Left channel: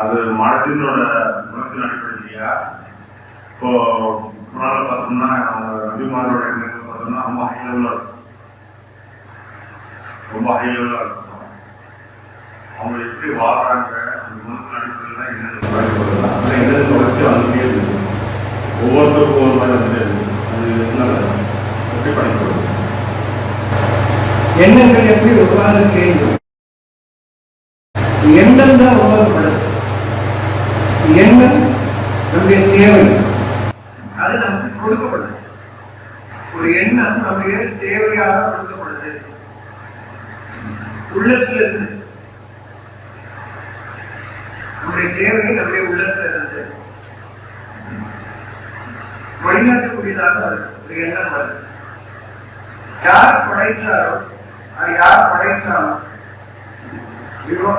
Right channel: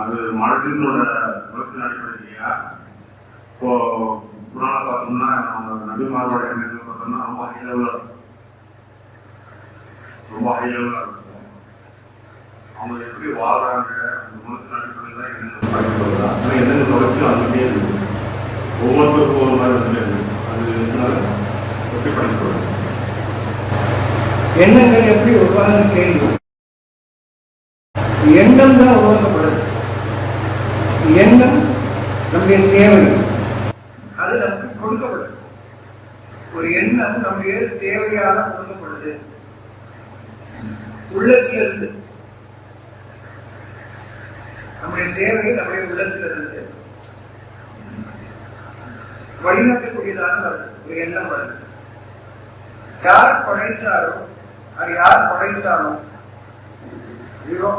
அது மனதினோட குணத்தின் அடிப்படையிலையா? இப்போ முன்னால் பார்த்தோம்னா அவங்க நபிமாரோட எண்ணங்கள் பார்த்தோம்னா ரொம்ப ஹை லெவலில் இருக்கும், ரொம்ப ஹை லெவலாக இருக்கும். அவங்க எப்படி வாழ்றாங்க அந்த குணத்தின் அடிப்படையில் தான் எண்ணங்கள் அந்த எண்ணங்கள் தொடர்ச்சி வந்துட்டே இருக்கு, ஒவ்வொருத்தருக்கும் ஒவ்வொரு மாதிரி வந்துட்டே இருக்கு. அது எதனால எப்படி பண்ணிக்கிறது? எண்ணங்கள் எப்படி உருவாக கேள்வி. எண்ணம் தான் உருவாக்கப்படுது. எண்ணம் நம்முடைய தேவை, அது நமக்கு கொடுக்கப்படுது. ஒரு எண்ணம் நம்முடைய தேவையாக கொடுக்கப்படுது உள்ளத்திலிருந்து. நம்முடைய தேவை நம்முடைய உள்ளத்திலிருந்து வழிகாட்டக்கூடியதாக வருது. ஒரு எண்ணம் வருது. யார் படைத்தாரோ அது யார் படைத்தாரோ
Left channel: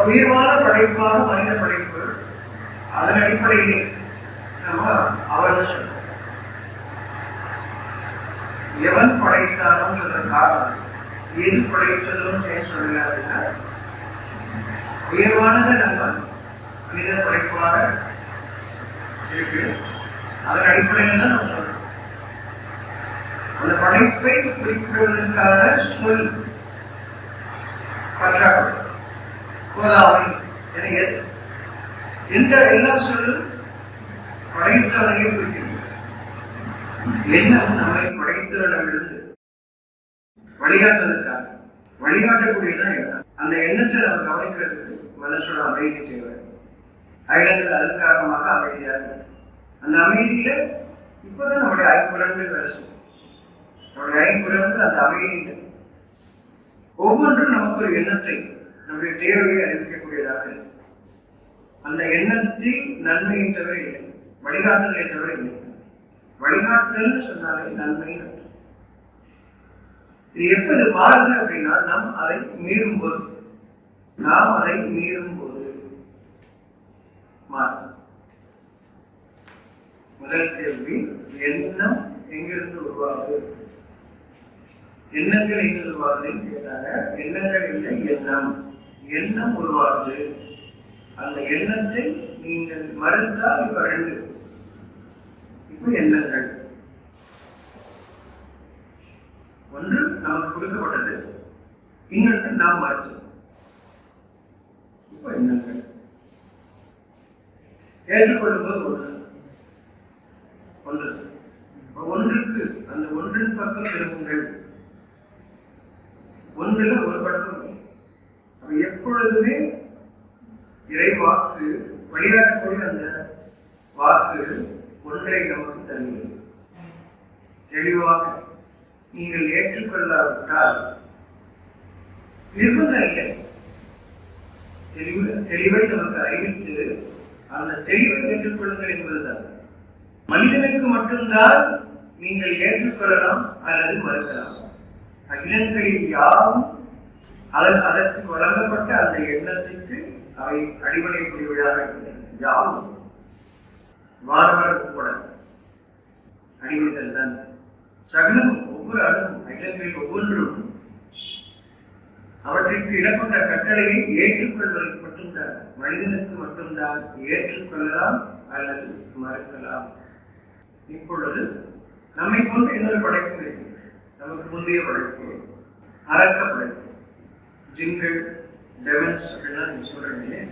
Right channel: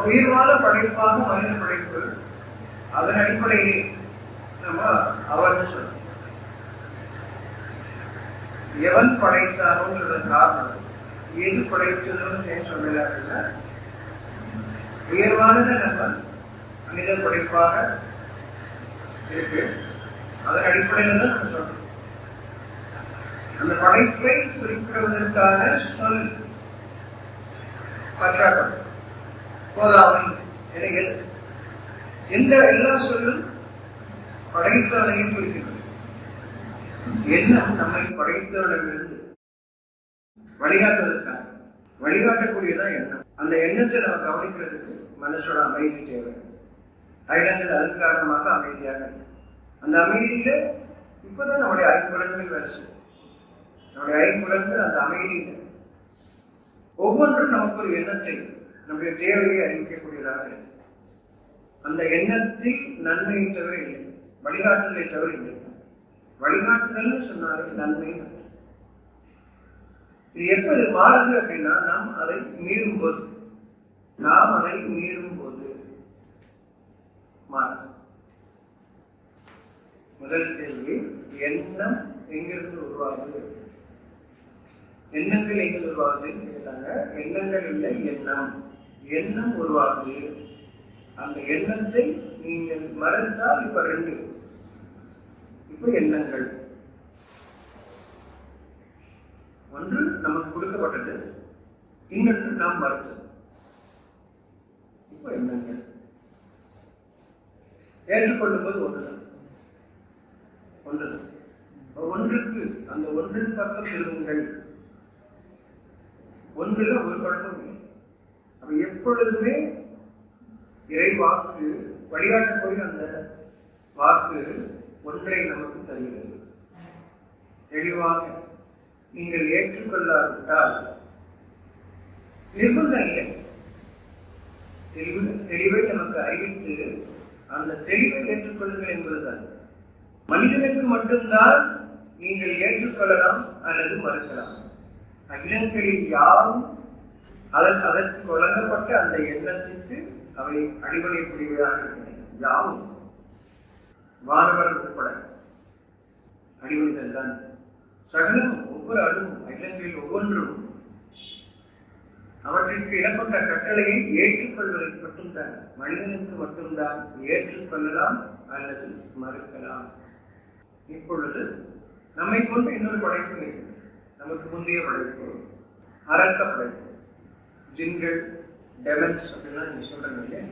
உயர்வான படைப்பாக மனித படைப்பு, அதன் அடிப்படையிலே நம்ம அவர்னு சொல்றோம். எவன் படைத்தானோன்னு சொல்ற காரணம் எது படைத்ததுன்னு சொல்லல அப்படின்னா, உயர்வானதை நம்ம மனித படைப்பாக இருக்கு, அதன் அடிப்படையில் தான் நம்ம சொல்றோம். அந்த படைப்பை குறிப்பிடுவதற்கான சொல் பற்றாக்குறை, போதாமை என எந்த எல்லா சொல்லும் படைத்தவனையே குறிக்கிறது. எண்ணம் நம்மை படைத்தவனிடமிருந்து வழிகாட்டுவதற்காக வழிகாட்டக்கூடியதான் எண்ணம். அந்த எண்ணத்தை நம்ம கவனிக்கிறதுக்கு மனசோட அமைதி தேவை. அகிலங்கள் அதன் காரணமாக அமைதியாக இருக்கு. அந்த அமைதியில இப்பதான் நம்முடைய ஐம்புலன்கள் வேலை செய்யும். நம்முடைய ஐம்புலன்கள் அந்த அமைதியில் ஒவ்வொன்றும் நமக்கு ஒரு எண்ணத்தை, நம்முடைய தேவையை அறிவிக்கக்கூடியதாக இருக்கு. அந்த எண்ணத்தில் நன்மையை தவிர இல்லை, வழிகாட்டுதலை தவிர இல்லை. வழிகாட்டுதல் சொன்னாலே நன்மை. இது எப்ப இது மாறுது அப்படின்னா, நாம் அதை மீறும் போது மாறுது. முதல் கேள்வி, எண்ணம் எங்கிருந்து உருவாகுது? எண்ணங்கள் எங்க உருவாகுதுன்னு கேட்டாங்க. எண்ணங்கள் இல்லை, எண்ணம் உருவாகுது. அந்த எண்ணத்தை நீங்கள் மறுத்தால் இப்ப ரெண்டு, இப்ப எண்ணங்கள் ஒன்று நமக்கு கொடுக்கப்பட்டது, இன்னொன்று நாம் மறுத்தது. இப்ப எண்ணங்கள் ஏற்றுக்கொள்ளும் போது ஒன்றுக்கு அந்த ஒன்றின் பக்கம் திரும்புங்கள். ஒன்றுல ஒரு பழக்கம் இல்லை. அப்ப எப்பொழுதுமே இறை வாக்கு வழிகாட்டக்கூடிய அந்த வாக்கு ஒன்றை நமக்கு தருகிறது. தெளிவாக நீங்கள் ஏற்றுக்கொள்ளாவிட்டால் நிர்பந்தம் இல்லை. தெளிவை நமக்கு அறிவித்து அந்த தெளிவை ஏற்றுக்கொள்ளுங்கள் என்பதுதான். மனிதனுக்கு மட்டும்தான் நீங்கள் ஏற்றுக்கொள்ளலாம் அல்லது மறுக்கலாம். அகிலங்களில் யாரும் அதற்கு வழங்கப்பட்ட அந்த எண்ணத்திற்கு அவை அடிபடையக்கூடியவையாக இருக்கின்றன. யாவும் வானவர் உட்பட அடிபணிதல் தான். சகலமும் ஒவ்வொரு அணுவும் அகிலங்களில் ஒவ்வொன்றும் அவற்றிற்கு இடப்பட்ட கட்டளையை ஏற்றுக்கொள்வதற்கு மட்டும்தான், மனிதனுக்கு மட்டும்தான் ஏற்றுக்கொள்ளலாம் அல்லது மறுக்கலாம். இப்பொழுது நம்மை போன்ற இன்னொரு படைப்பு இருக்கு. நமக்கு முந்தைய படைப்பு அரக்க படைப்பு, ஜின்கள், டெமன்ஸ் அப்படின்னா நீங்க சொல்றீங்க இல்லையா,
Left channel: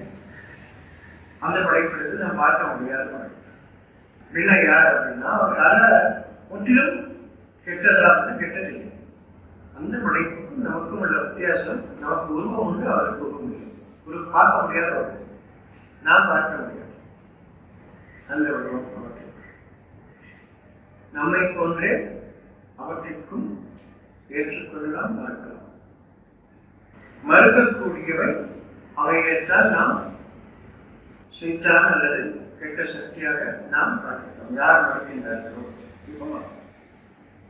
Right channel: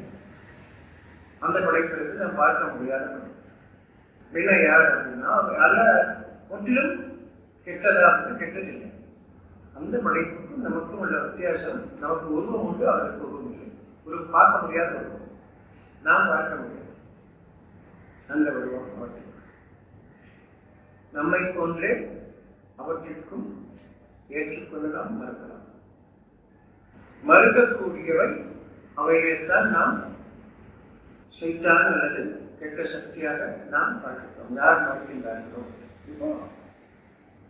அந்த படைப்பு நாம் பார்க்க முடியாத படைப்பு. அப்படின்னா யார் அப்படின்னா, அல்ல முற்றிலும் கெட்டதா அப்படின்னா கெட்டதில்லை. அந்த படைப்புக்கும் நமக்கும் உள்ள வித்தியாசம், நமக்கு உருவம் உண்டு, அவருக்கு உருவம் இல்லை. ஒரு பார்க்க முடியாத உருவம், நாம் பார்க்க முடியாது அந்த உருவம் அவற்றிற்கு. நம்மை போன்றே அவற்றிற்கும் ஏற்றுக்கொள்ளலாம், மறுக்கலாம். மறுக்கக்கூடியவை அவைகளைத்தான் நாம் செய்தான் அல்லது கெட்ட சக்தியாக நாம் பார்க்கிறோம். யார் மறுக்கின்றார்களோ, இப்போ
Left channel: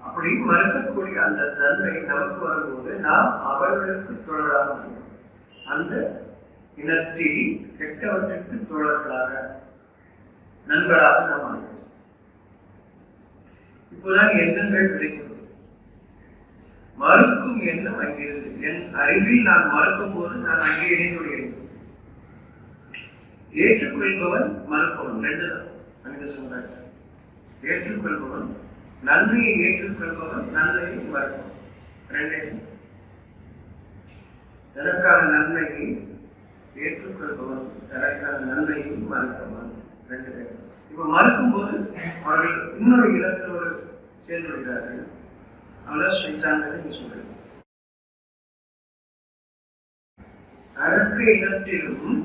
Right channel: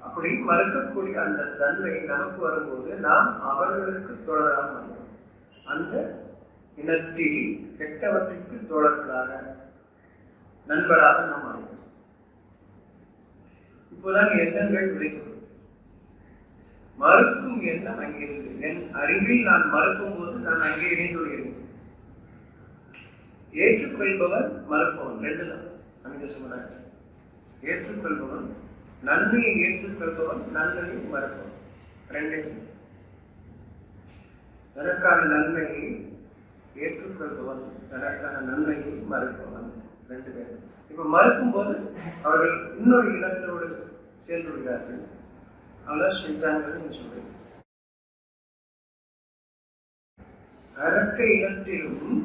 அப்படி மறுக்கக்கூடிய அந்த தன்மை நமக்கு வரும்போது நாம் அவர்களுக்கு தோழராக மாறுகிறோம். அந்த இனத்தில் கெட்டவற்றிற்கு தோழர்களாக, நண்பராக நாம் மாறுகிறோம். இப்போதான் எண்ணங்கள் விளைகிறது. மறுக்கும் எண்ணம் அங்கிருந்து, என் அறிவில் நான் மறுக்கும் போது நான் அங்கே இணைந்து விடுகிறேன். ஏற்றுக்கொள்பவன் மறுப்பவன் ரெண்டு தான் மனித சமுதாயம். ஏற்றுக்கொள்பவன், நன்மையை ஏற்றுக்கொள்பவன், நன்மையை மறுப்பவன் ரெண்டே. தனக்கான நன்மையை ஏற்றுக்கொள்பவன், தனக்கான நன்மையை மறுப்பவன் ரெண்டு பேர். இப்ப மறுக்கும் போது அவர்கள் இன்னொரு இனத்தோடு சேர்ந்து விடுகிறார்கள். அவளை சைத்தான்கள் நீங்க சொல்றீங்க. அரக்க இனத்திலும்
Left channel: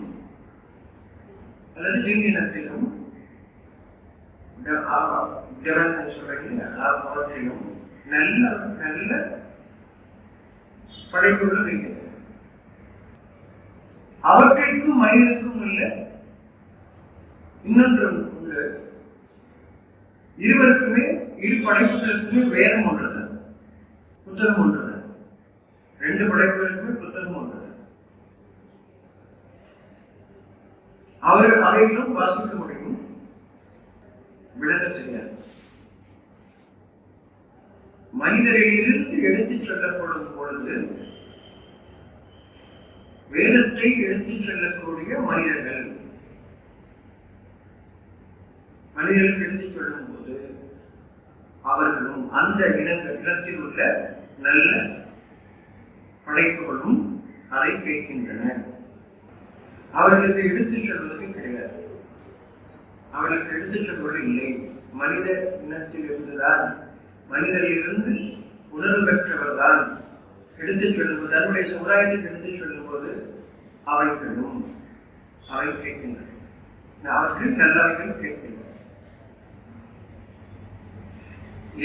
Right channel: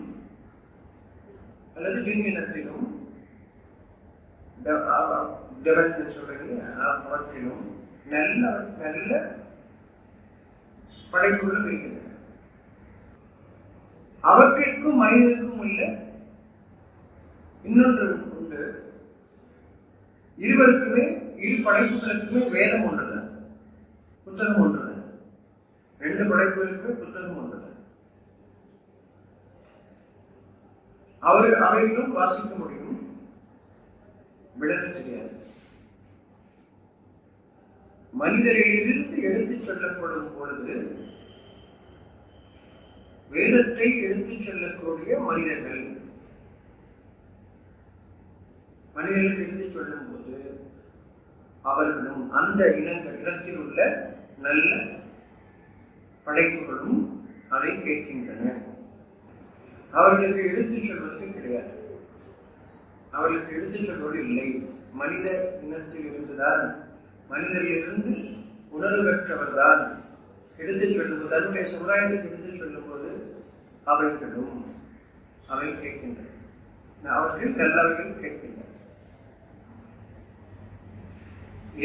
அல்லது ஜின் இனத்திலும் சொல்றீங்க, அவற்றிலும் நல்ல நல்ல படைப்புகளும் இருக்கின்றன. அவற்றிற்கும் மனிதனுக்கும் உள்ள இன்னொன்று உண்டு. இருவருக்குமே, இரு படைப்புகளுக்குமே வேதம் ஒன்றுதான், புத்தகம் ஒன்றுதான். ரெண்டு படைப்புகளுக்குமே புத்தகம் ஒன்றுதான். அவைகளும் வாசிக்க முடியும், விளங்க தெரியாது. மனிதரிலிருந்து எடுத்துச் சொல்லப்படும் பொழுது வேதத்தை எடுத்துச் சொல்லக்கூடிய மனிதர்கள், மனிதர்களுக்கு எடுத்துச் சொல்லும் போது அவர்களும் அந்த இனத்தில் உள்ள நல்ல படைப்புகளும் அதை கேட்கின்றன. அவர்களுக்கு எடுத்துச் சொல்வதற்கு கிடையாது, அவர்களுக்கு எடுத்துச் சொல்வது இல்லை. மனித இனத்தில் இருந்துதான், மனிதரிலிருந்து உணர்வு பெற்றவர் தான் எடுத்துச் சொல்லும்போது, தன்னுடைய சமுதாயத்துக்கு எடுத்துச் சொல்லும் போது அவைகளும் அவை கேட்கின்றன. அவர்கள் நல்லவைகள் கேட்கின்றன.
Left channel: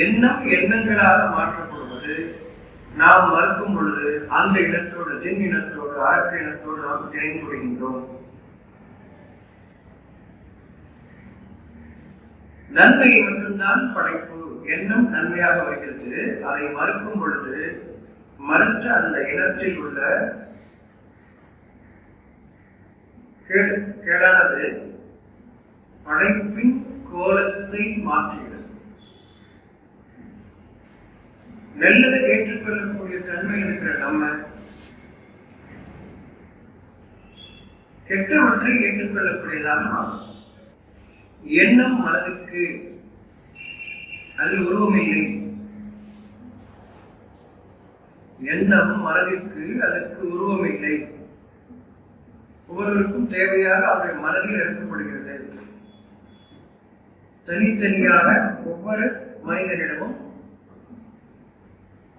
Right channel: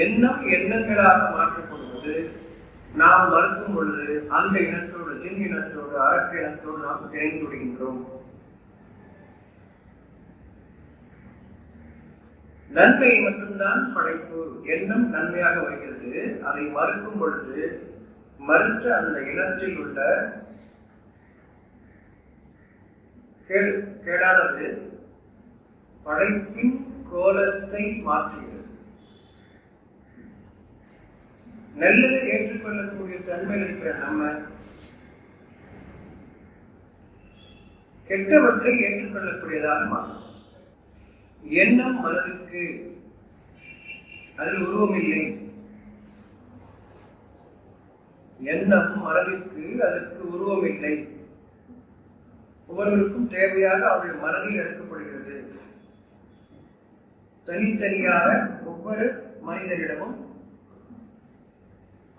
எண்ணம் எண்ணங்களாக மாற்றப்படுவது நாம் மறுக்கும் பொழுது அந்த இனத்தோடு, ஜின் இனத்தோடு, அரக்க இனத்தோடு நாம் இணைந்து விடுகின்றோம். நன்மையை மட்டும்தான் படைப்பு. எண்ணம் நன்மையாக வருகிறது. அதை மறுக்கும் பொழுது மறுத்த அந்த இனத்தில் உள்ள கேடானது படைப்பின் கோலத்தை மாற்றுகிறது. நல்லதை ஏற்றுக்கொள்ளக்கூடிய தன்மையில் இருக்கிற நம்ம கெட்டவற்றை ஏற்றுக்கொள்ளக்கூடியதாக மாறும். எண்ணம் மனதிற்கு அதில் உருவம் இல்லை. எண்ணம் மனதிற்கு அதற்கு உருவம் இல்லை. ஒவ்வொருவருக்கும் தேவையாக அவருடைய மனதில் இறக்கப்படுகிறது. தனித்தனியாக ஒவ்வொரு மனிதனிடமும்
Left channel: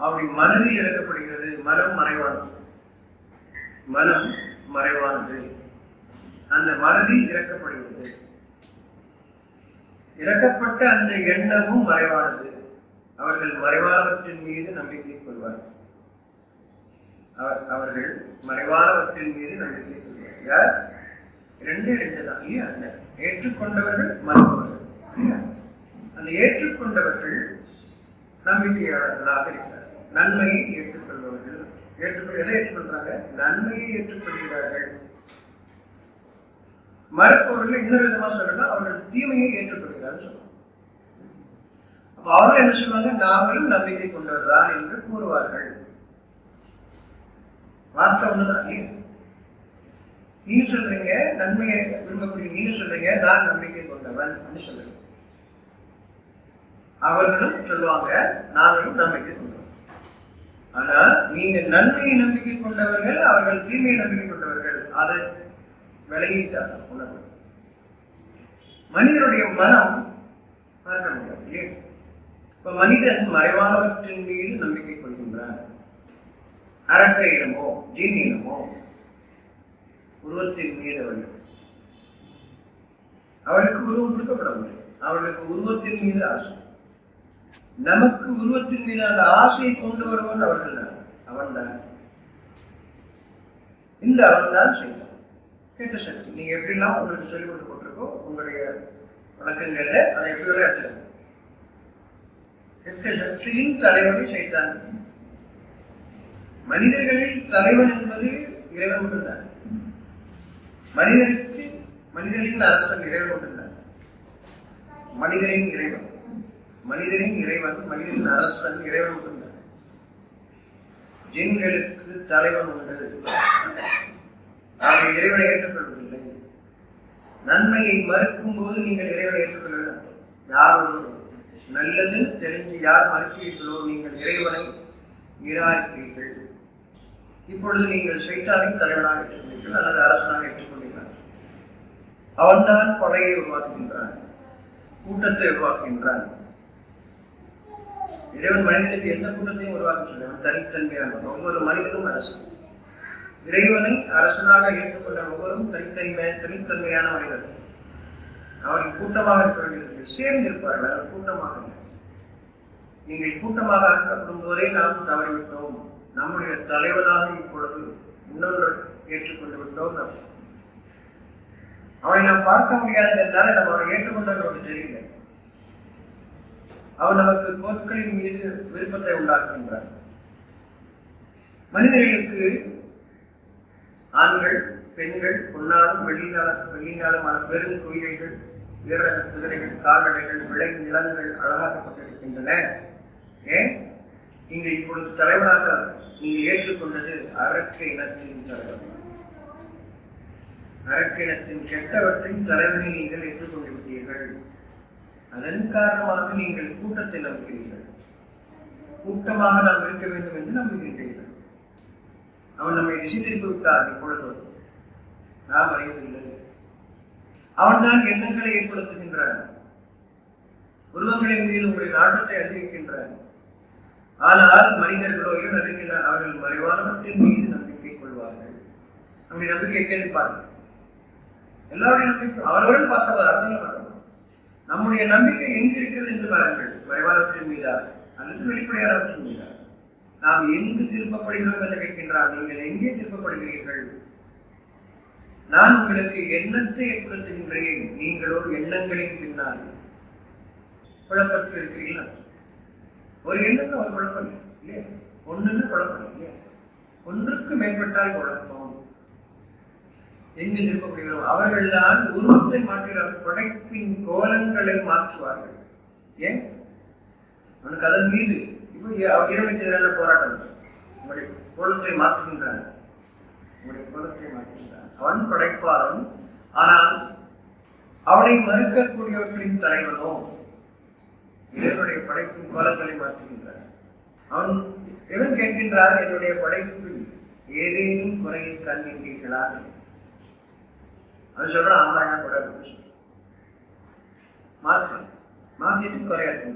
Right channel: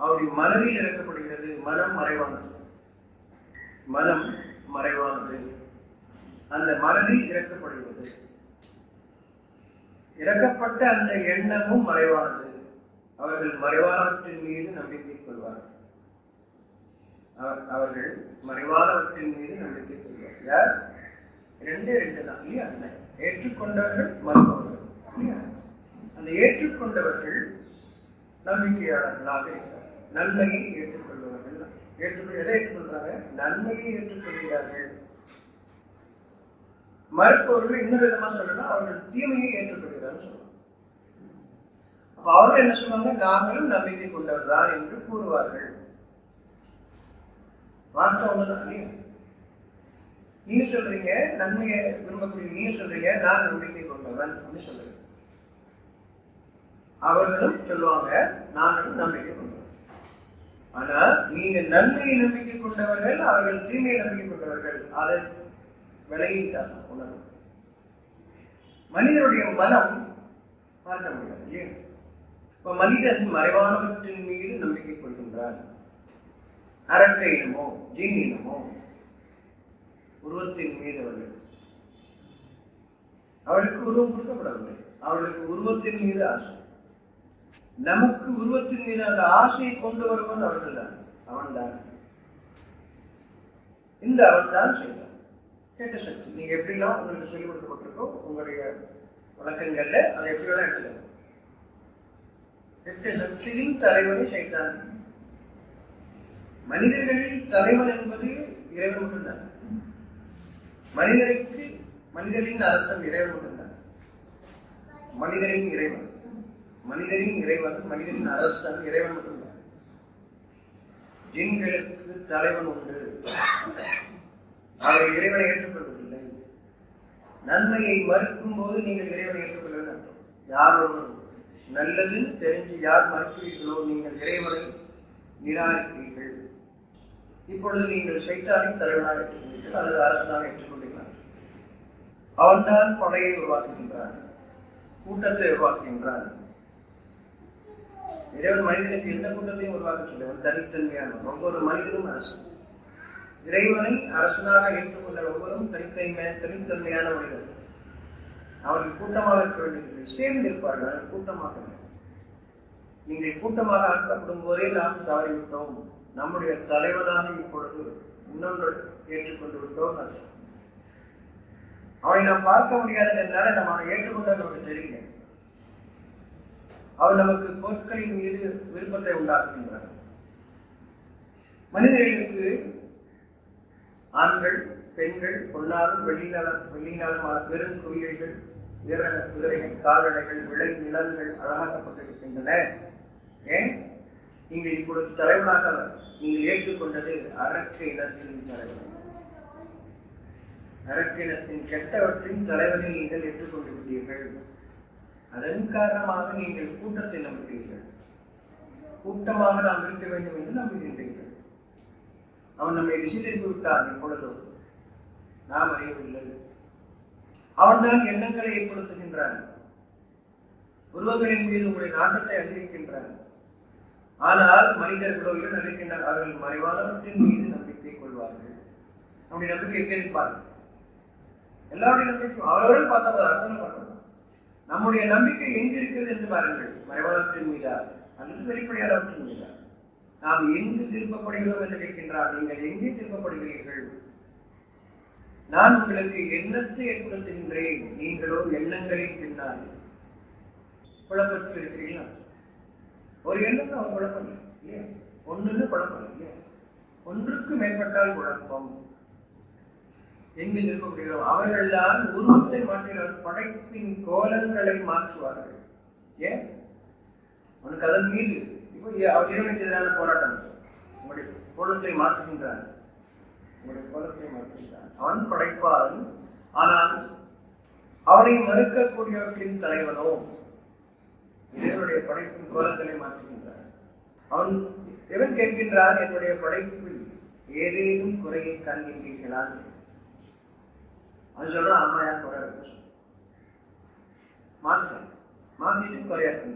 அவருடைய மனதில் இறக்கப்படுகிறது. மனம் மறைவானது, மனம் மறைவானது. அந்த மனதில் இறக்கப்படுகிறது. இறக்கப்பட்ட அந்த எண்ணமும் மறைவானது. அவர்கள் மறைவானவற்றின் மீது நம்பிக்கை கொள்வார்கள். அவர்கள் மறைவானவற்றின் மீது நம்பிக்கை கொள்வார். யார்? ரெண்டு தான் இல்லையா? ஏற்றுக்கொண்டவர்கள், மறுப்பவர்கள் இல்லையா? அந்த ஏற்றுக்கொண்டவர்கள் நம்பிக்கையாளர்களாக இருக்கிறார்கள். நன்மையை ஏற்றுக்கொள்பவர்கள் எதை ஏற்றுக்கொள்றாங்க? நன்மையை ஏற்றுக்கொள்கிறார்கள். மறுப்பவர்கள் இன்னொரு விதமா சொல்லலாம், அவர்கள் தீமையை ஏற்றுக்கொள்கிறார்கள் சொல்லுவாங்க. அப்ப அவர்கள் என்ன சொல்லுவாங்க? நாங்களும் நம்பிக்கை கொண்டவர் தான் என்று கூறுவார்கள். வார்த்தை ஒண்ணுதான் இல்லையா? நீங்க சொல்றீங்க நன்மையை விரும்பக்கூடிய, நீங்க சொல்றீங்க நான் நம்பிக்கை கொண்டவன் அப்படின்னு சொல்றீங்க. அவர்களும் சொல்லுவாங்க நாங்களும் நம்பிக்கை கொண்டவன். ஆனா நீங்க நன்மையை நம்பிக்கை கொண்டவர்கள், அவர்கள் தீமையை நம்பிக்கை கொண்டவர்கள். அதை விலகிட்டாங்க உணர்வு. மனிதனுடைய மனம் பார்க்க முடியாது இல்லையா? இப்ப மனிதன் மறைவானவற்றின் மீது நம்பிக்கை கொள்கின்றான். அரக்க இனமோ ஜின் இனமோ உருவத்தின் மீது அவர்களுக்கு உருவம் கொடுக்கப்படவில்லை. அவர்களுக்கு உருவத்தின் மீது ஆசை. நமக்கு உருவத்தின் மீது அந்த ஆசையை கொண்டு வருவன் அவர்கள் தான். அவன்தான் இந்த அவன்தான் செய்தான். கேட்ட சக்தி நீங்க எப்படிலாம் உங்களுக்கு சொல்லிக் கொடுக்கப்பட்டிருக்கோ உங்களுடைய வழக்கங்கள்ல அதை எப்படி வேணா எடுத்துக்கணும். கெட்ட சக்தியின் தலைவனை சைத்தான். மனிதர்களில் தலைவன் என்பது இறைவன் மட்டும்தான். மனிதருக்கு மனிதரின் அரசன் இறைவன் மட்டும்தான். மனிதரின் இறைவன், மனிதரின் இறைவன், மனிதரின் அரசன் இறைவன் மட்டும்தான். ஜின்களுக்கு தலைவன் உண்டு. அவர்கள் இறைவனை ஏற்றுக்கொள்வதில்லை. நன்மையை மறுக்கும் போது நீங்கள் இறைவனை ஏற்றுக்கொள்ள வேண்டும். யார் ஒருவர் நல்லதுன்னு தெரிஞ்சு யார் மறுக்கிறீர்களோ நீங்கள் இறைவனை நிராகரிக்கிறீர்கள். இப்பொழுது நீங்கள் ஷைத்தானை தலைவனாக ஏற்றுக்கொண்டீர்கள் அல்லது அரசனாக ஏற்றுக்கொண்டீர்கள். அவன்தான் படையை உருவாக்குகின்றான், கூட்டத்தை உருவாக்குகின்றான். இறைவன் மனிதனுக்கு எந்த கூட்டத்தையும் உருவாக்க சொல்ல, அவன் தனித்தன்மையானவன். ஒவ்வொரு மனிதனும் அரசன். இறைவனை அரசனாக ஏற்றுக்கொண்ட ஒவ்வொருவரும் தனித்தன்மையான மனிதர். அவர்கள் கூட்டமாக இருக்க வேண்டியதில்லை, சேர்ந்து இருப்பார்கள். அவர் கூட்டமாக. நீங்கள் கூட்டமாக ஆக்கப்படும் போதே நாம் தவறிவிட்டோம். நம்முடைய தலைவனாக இப்பொழுது இன்னொன்று ஏற்றுக்கொண்டு விட்டோம். அவனை நாம் பார்க்க முடியாதுங்கிறதுனால நம்ம அவனை ஏற்றுக்கொண்டால் நமக்கு தெரியல. அவன் நமக்கு பொருட்களின் மீது விருப்பத்தை உண்டாக்குகின்றான். மனிதர்களுக்கு ஆண்கள் பெண்கள் பொன்னாலும் வெள்ளினாலுமான பெரும் குவியல்கள், வீரக குதிரைகள், கால்நடைகள், விளை நிலங்கள் அழகாக்கப்பட்டிருக்கின்றன. ஏன்? நீங்கள் இப்பொழுது தலைவனாக நீங்கள் ஏற்றுக்கொண்டது அரக்க இனத்தின் தலைவனை, அரக்க இனத்தின் கெட்டவற்றின் தலைவனை நீங்கள் ஏற்றுக்கொண்டு விட்டீர்கள். அதன் காரணமாக நீங்கள் கூட்டத்தை நம்புகிறீர்கள். கூட்டமாக நாம் இருக்க வேண்டும் என்று நம்புகின்றீர்கள். அவன் நம்மை திசை திருப்பி விட்டான். இப்பொழுது நாம் அறியவில்லை. அவன்தான் எண்ணங்களை ஏற்படுத்துகின்றான். உருவங்களின் மீது உங்களுடைய நாட்டத்தை அதிகரிக்கின்றான். ஆனால் மனிதர்களோ இருக்கின்றனர், அவர்கள் மறைவானவற்றின் மீது நம்பிக்கை கொள்வார்கள். நம்முடைய நம்பிக்கை கேட்பார்கள். எல்லாருடைய நம்பிக்கையும் அவரவர்கள் பார்த்தவர் அர்த்தங்கள் பார்க்கணும். நம்முடைய நம்பிக்கை எங்கு இருக்கிறது என்று பாருங்கள். மறைவானவற்றின் மீதா அல்லது வெளிப்படையானவற்றின் மீதா? நாம் எங்கு திருப்பப்படுகிறோம் என்று கேட்கின்றார். நீங்கள் எங்கே திருப்பப்படுகிறீர்கள்? நான் உங்களுக்கு எண்ணத்தை ஏற்படுத்துகின்றேன், நீங்களோ எண்ணங்களின் பின்னால் குழப்பத்தில் இருக்கிறீர்களா? ஒரு எண்ணம் ஒரு குழப்பம் இல்லை இல்லையா? ஒன்றுன்னு குழப்பம் இல்லையா? ஒன்றுக்கு மேற்பட்டால் குழப்பம். எங்கு திருப்பப்படுகிறோம்? அவர்கள் தான் உருவத்தை மாற்றுகிறார்கள், படைப்பின் கோலங்களை மாற்றுவார்கள். ஏன்? அவனுக்கு அதன் மீது இப்போ இறைவனுக்கு எதிரான போராட்டம். உங்களுடைய கோலத்தை மாற்றுகின்றான், உங்களுடைய கோலத்தை மாற்றுகின்றான். அவன் படைப்பாளன், ஆனால் அவனை மறுக்கக்கூடியவர்களின் தலைவனோ இறைவனுடைய படைப்பின் கோலங்களை மாற்றுகின்றான். அவன் எவன் கேட்கின்றான், என்னுடைய படைப்பில் ஏதேனும் குறையை காண்கின்றீர்களா? அவன் சொல்றான், ஆமா, ஏன் குறை மாற்றலாம், மாற்றிட்டு குறையாட்டு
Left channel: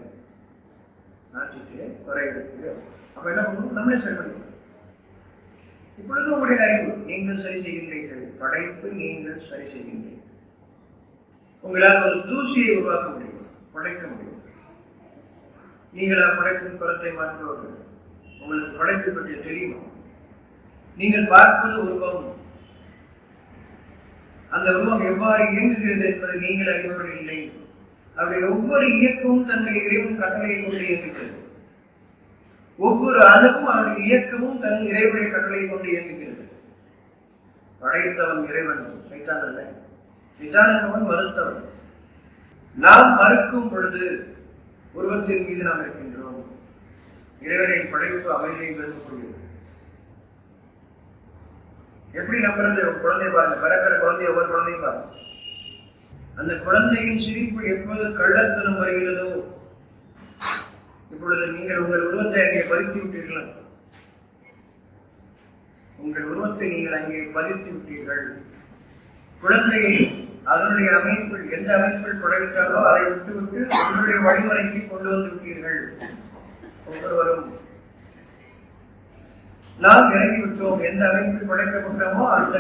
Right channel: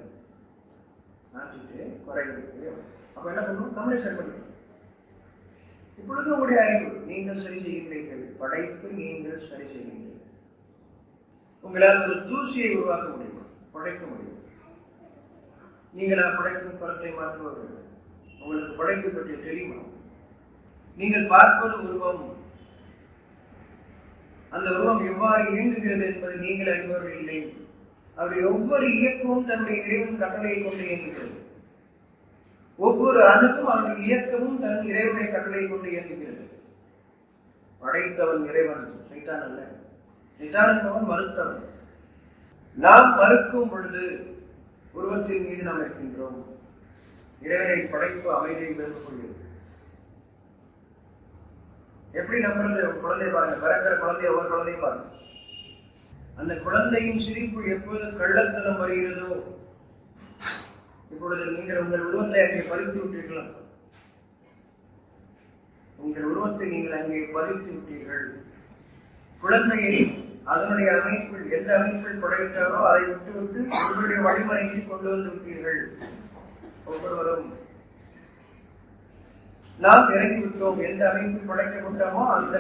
மாற்றிட்டு குறை இருக்கு. அப்ப என்ன பண்ணணும்? நம்மளே சரி பண்ணிக்கணும். இப்பொழுது உங்களுடைய அறிவு, நீங்கள் சரி செய்கின்றீர்கள். படைப்பு நீங்கள் சரி செய்கின்றீர்கள். உங்களால் ஒரு தூசியை உருவாக்க முடியும், படைக்க முடியும். நீங்களா படைப்பின் குலத்தை மாற்றுவர்கள்? உங்களுக்கு படைப்பை பற்றி தெரியுமா? நீங்கள் பார்ப்பது உருவம், அந்த உருவம் எவ்வாறு இயங்குகிறது என்பதை நீங்கள் அறிபவர்கள் இல்லை. அவருடைய ஒவ்வொரு இயக்கமும் தன்னுடைய இறைவன் கட்டளையை கொண்டு இயங்குகிறது. ஒவ்வொரு அணுவும் அதனுடைய இயக்கமும் தன் இறைவனுடைய கட்டளையை கொண்டு இயங்குகிறது. படைத்தவன் இறைவன், சைத்தான் அல்ல. சைத்தான் என்பவன் மறுத்தவன். நாம் மறுக்கும் பொழுது உருவத்தின் மீது நாம் இருக்கின்றோம். இறைவனின் படைப்பு அமைதியை விரும்பக்கூடியது. எப்படி நம்புறது? குழந்தை பாருங்க, பிறக்கிற குழந்தைய ஒவ்வொரு குழந்தையும் பாருங்க. அந்த குழந்தையின் சிரிப்பு எப்போது கள்ளத்தனம் வருகிறதோ, இப்பொழுது நீங்கள் உங்கள் உருவத்தை அங்கே பதித்து விட்டீர்களா? உங்கள் உருவத்தை நீங்கள் அங்கே பதித்து விட்டீர்கள். குழந்தையை அதனுடைய அமைப்பில், எந்த அமைப்பில் படைத்தாலோ அதை விட்டுவிட்டு உங்களுடைய வழிமுறைக்கு கொண்டு வந்து விட்டீர்கள். ஒவ்வொருவரும் நாம் இறங்கிவிட்டோம். எந்த அமைப்பில் படைக்கப்பட்டோமோ அந்த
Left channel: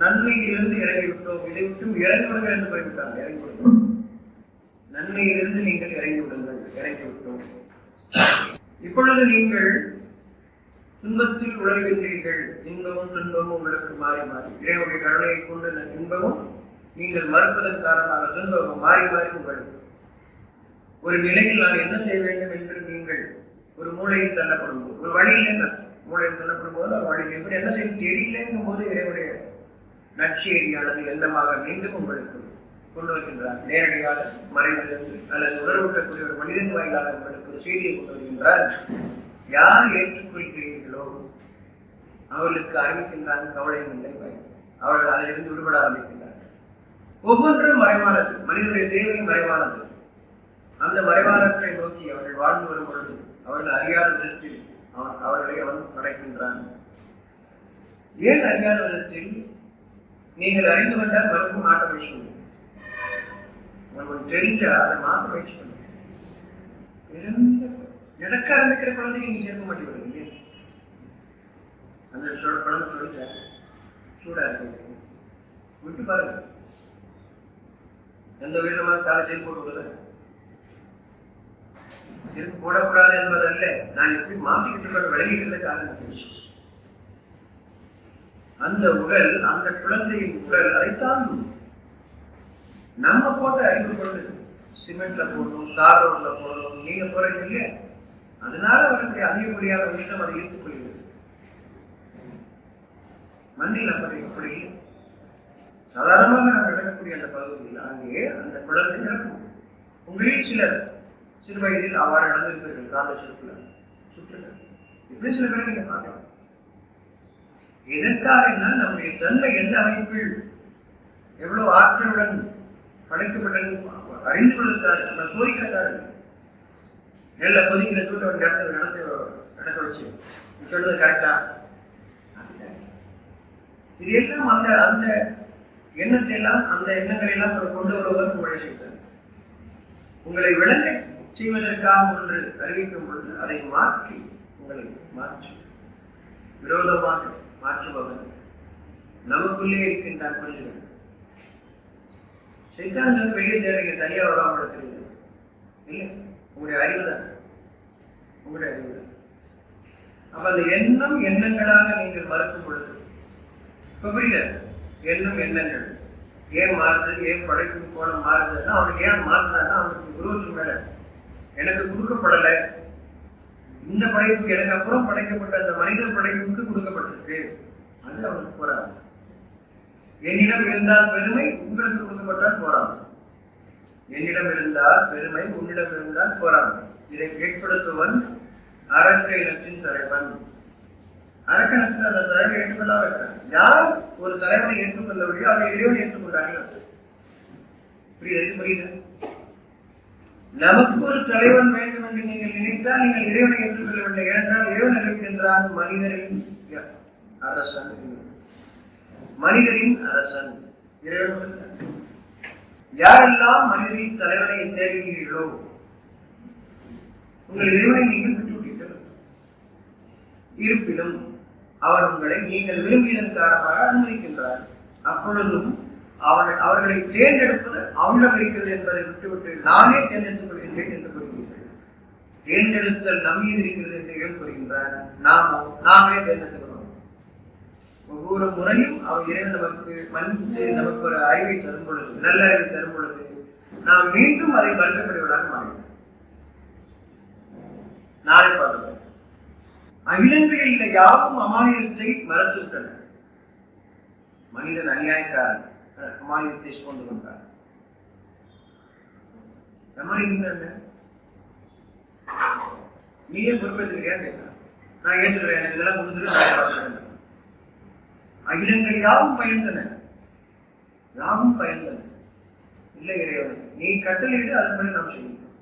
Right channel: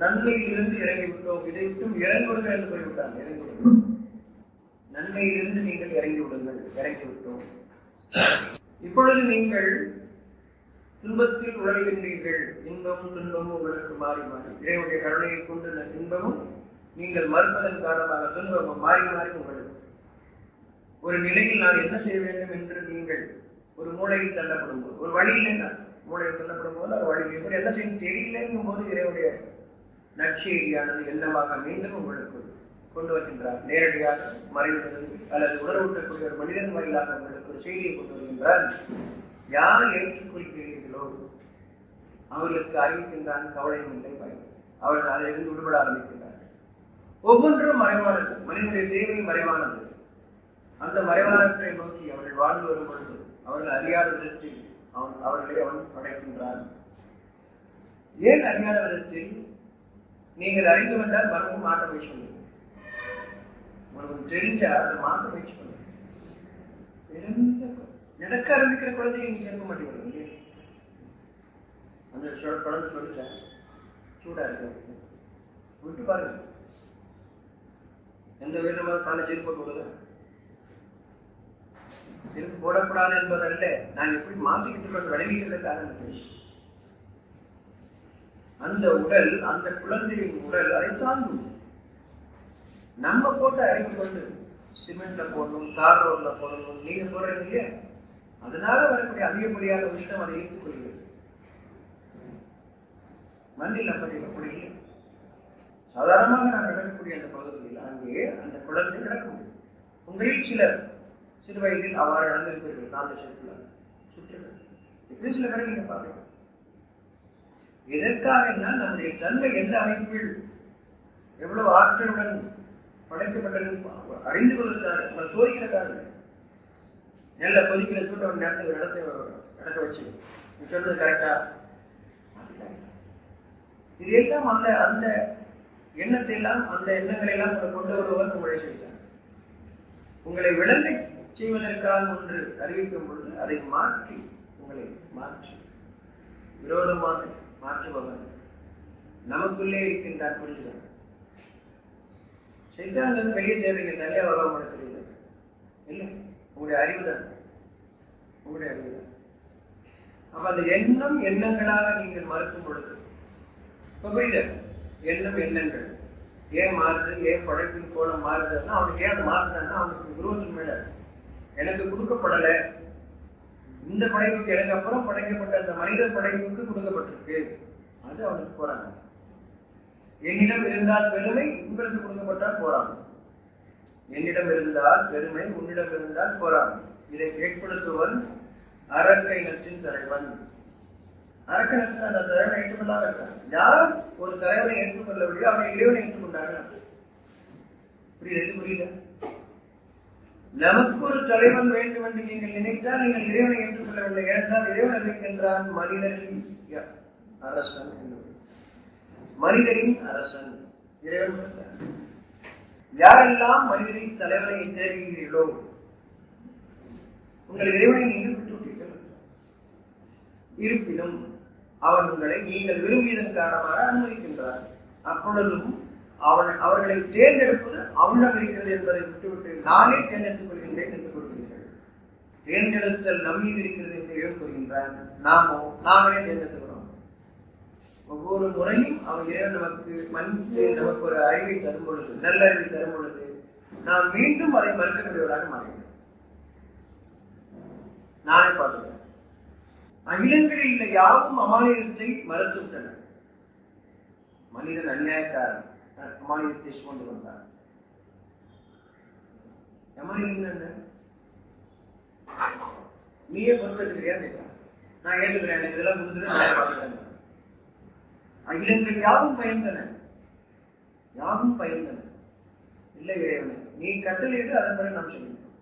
நன்மையிலிருந்து இறங்கிவிட்டோம். இதை விட்டும் இறங்கிவிடுங்கள் என்று கூறிவிட்டாங்க. இறங்கிவிடுங்கள், நன்மையிலிருந்து நீங்கள் இறங்கிவிடுங்கள். இறங்கிவிட்டோம். இப்பொழுது நீங்கள் துன்பத்தில் உழல்கின்றீர்கள். இன்பமும் துன்பமும் உங்களுக்கு மாறி மாறி, இறைவனுடைய கருணையை கொண்டு இன்பமும் நீங்கள் மறுப்பதன் காரணமாக துன்பமும் மாறி மாறி உங்களுக்கு ஒரு நிலையில் நான் என்ன செய்ய வேண்டும் என்று நீங்கள் ஒரு மூளையில் தள்ளப்படும் போது, ஒரு வழியில் மூளையில் தள்ளப்படும் போது ஒரு வழியில் எப்படி என்ன செய்ய தெரியலங்கும் போது இறைவனுடைய நற்செய்தியானது எண்ணமாக மீண்டும் உங்களுக்கு கொண்டு வருகின்றார். நேரடியாக மறைவிலிருந்து அல்லது உணர்வூட்டக்கூடிய ஒரு மனிதன் வாயிலாக உங்களுக்கு ஒரு செய்தியை கொண்டு வருகின்றார். யார் ஏற்றுக்கொள்கிறீர்களோ அவர்களுக்கு அறிவிக்கின்றான், கவலையும் இல்லை, பயம். அவர்கள் அதிலிருந்து விடுபட ஆரம்பிக்கின்றார்கள். ஒவ்வொன்றும் மறைவானது. மனிதனுடைய தேவை மறைவானது. அந்த மறைவானத்தை நோக்கி அவர்கள் வாழ்ந்து வரும் பொழுது அவர்கள் அறியாத விதத்தில் அவர்களை அவன் படைக்கின்றான். ஏன் அறியாத விதத்தில்? நீங்கள் அறிந்து கொண்டால் மறுபடியும் மாற்ற முயற்சி பண்ணுங்க. உங்களுக்கு தெரிஞ்சா அதை மாற்ற முயற்சி பண்ணுங்க. பிறந்த நடக்க ஆரம்பிக்கிற குழந்தைங்க நீங்க சேர்க்க மாட்டேங்கிறீங்க இல்லையா? அந்த குழந்தை சொல்லிச்சா சூடா இருக்கு விட்டு பாருங்க. எந்த உயிரினமாக காலை ஜெயில் போட்டு விடுறத செருப்பு போடக்கூடாது என்பதல்ல, நான் எப்படி மாற்றிக்கிட்டு விளங்கிக்கிறத காரணம். அந்த உடல், அந்த குழந்தையின் உடல் அதை தாங்கும். நம்ம போட்ட அறிவு கொண்டு சிமெண்ட்ல போடணும், தார் ரோட்ல போடணும், நீங்க போறீங்க இல்லையா? அதனால வரக்கூடிய அதிகப்படியான உஷ்ணம் அதை ஈர்த்துக் கொள்கிறது. மண்ணில் அப்படி இல்லை. சாதாரணமாக நாம் நடக்கக்கூடிய அந்த பகுதியில் அங்கே அந்த குழந்தை நடக்கும். உங்களில் சிலர் சிறு வயதில் அவ்வாறு நடந்திருப்பீர்கள். காந்த சுற்றுகள் இப்படி சில பேரை நீங்க பார்க்கலாம். எதற்காக என்றால் நம்முடைய தன்மை எந்த அமைப்பில் எவ்வளவு ஆற்றலுடன் படைக்கப்பட்டது அறிந்து கொள்வதற்காக, நம்ம சோதிக்கிறதுக்காக. நெல்ல கொதிக்கிற சூட்டை நடக்க வச்சு சொன்னது கரெக்டா? இது எல்லாம் அந்த அந்த எண்ணத்தை எல்லாம், அந்த எண்ணங்களை எல்லாம் கொண்டு வருவதற்கு உங்களை செய்தார். உங்களை விளங்க செய்வதற்காக ஒன்று அறிவிக்கும் பொழுது அதை மாற்றி, உங்களை மாற்றி விரோதமாக மாற்றுபவன் நமக்குள்ளே இருக்கின்றான். புரிஞ்சுக்க. சைத்தான்கள் வெளியே தேடுறீங்க, தனியா வருவாங்க தெரியல. இல்லை, உங்களுடைய அறிவு தான். உங்களுடைய அறிவு தான். அப்ப அந்த எண்ணம் எண்ணங்களாக நீங்கள் மறுக்கும் பொழுது இப்ப புரியல. எண்ணம் எண்ணங்கள் ஏன் மாறுது, ஏன் படைக்கும் கோலம் மாறுதுன்னா அவனுக்கு ஏன் மாறுதுன்னா அவனுக்கு குருவத்தின் மேல எனக்கு கொடுக்கப்படலை. இந்த படைப்புக்கு எனக்கு அப்புறம் படைக்கப்பட்ட அந்த மனித படைப்புக்கு கொடுக்கப்பட்டிருக்கு. அது அவனுக்கு போறாங்க. என்னிடம் இருந்தால் பெருமை, உங்களுக்கு கொடுக்கப்பட்டால் போறாங்க. என்னிடம் இருந்தால் பெருமை, உன்னிடம் இருந்தால் போறாங்க. இதை ஏற்படுத்துவன் அரக்கையினத்தின் தலைவன். அரக்கணத்தில் அந்த தலைவனை ஏற்றுக்கொள்ளாம இருக்காங்க. யார் ஒரு தலைவனை ஏற்றுக்கொள்ளவில்லையோ அவர்கள் இறைவனை ஏற்றுக்கொண்டார்கள். புரியுது? புரியுது? நமக்கு ஒரு தலைவன் வேண்டும் என்று நீங்கள் நினைத்தால் நீங்கள் இறைவனை ஏற்றுக்கொள்ளவில்லை. ஏனென்றால் இறைவன் இருக்கின்றான் மனிதரின் அரசன். மனிதரின் அரசன் இறைவன் மட்டும்தான். யாரெல்லாம் மனிதரின் தலைவனை தேடுகிறீர்களோ உங்கள் இறைவனை நீங்கள் விட்டுவிட்டீர்கள். இருப்பினும் அவன் உங்களை நீங்கள் விரும்பியதன் காரணமாக அனுமதிக்கின்றார். அப்பொழுதும் அவர்களை தேர்ந்தெடுப்பது அவனிடம் இருக்கிறது என்பதை விட்டுவிட்டு நானே தேர்ந்தெடுத்துக் கொள்கின்றேன் என்று கூறுகிறீர்கள். தேர்ந்தெடுத்தல் நம்மீது இருக்கிறது என்று இறைவன் கூறுகின்றான். நாங்களே தேர்ந்தெடுத்துக்கிறோம். ஒவ்வொரு முறையும் அவர் இறைவன் நமக்கு ஒரு அறிவை தரும் பொழுது, நல்ல அறிவை தரும் பொழுது நாம் மீண்டும் அதை மறுக்கக்கூடியவராக மாறினோம். நாளை பார்த்துக்கிறேன். அகிலங்களில் உள்ள யாவும் அமானியத்தை மறந்து விட்டன. மனிதன் அநியாயக்காரன், அமானியத்தை சுமந்து கொண்டார். அமானியம் என்ன? நீயே பொறுப்பேற்றுக்கிறியா கேட்கிறான். நான் ஏற்றுக்கிறேன், எனக்கு இதெல்லாம் கொடுத்துட்டு நான் பார்த்துக்கிறேன். அகிலங்கள் யாவும் பயந்தன, யாவும் பயந்தன. இல்லை இறைவனை நீ கட்டளையிடு, அதன்படி நாம் செய்யணும்.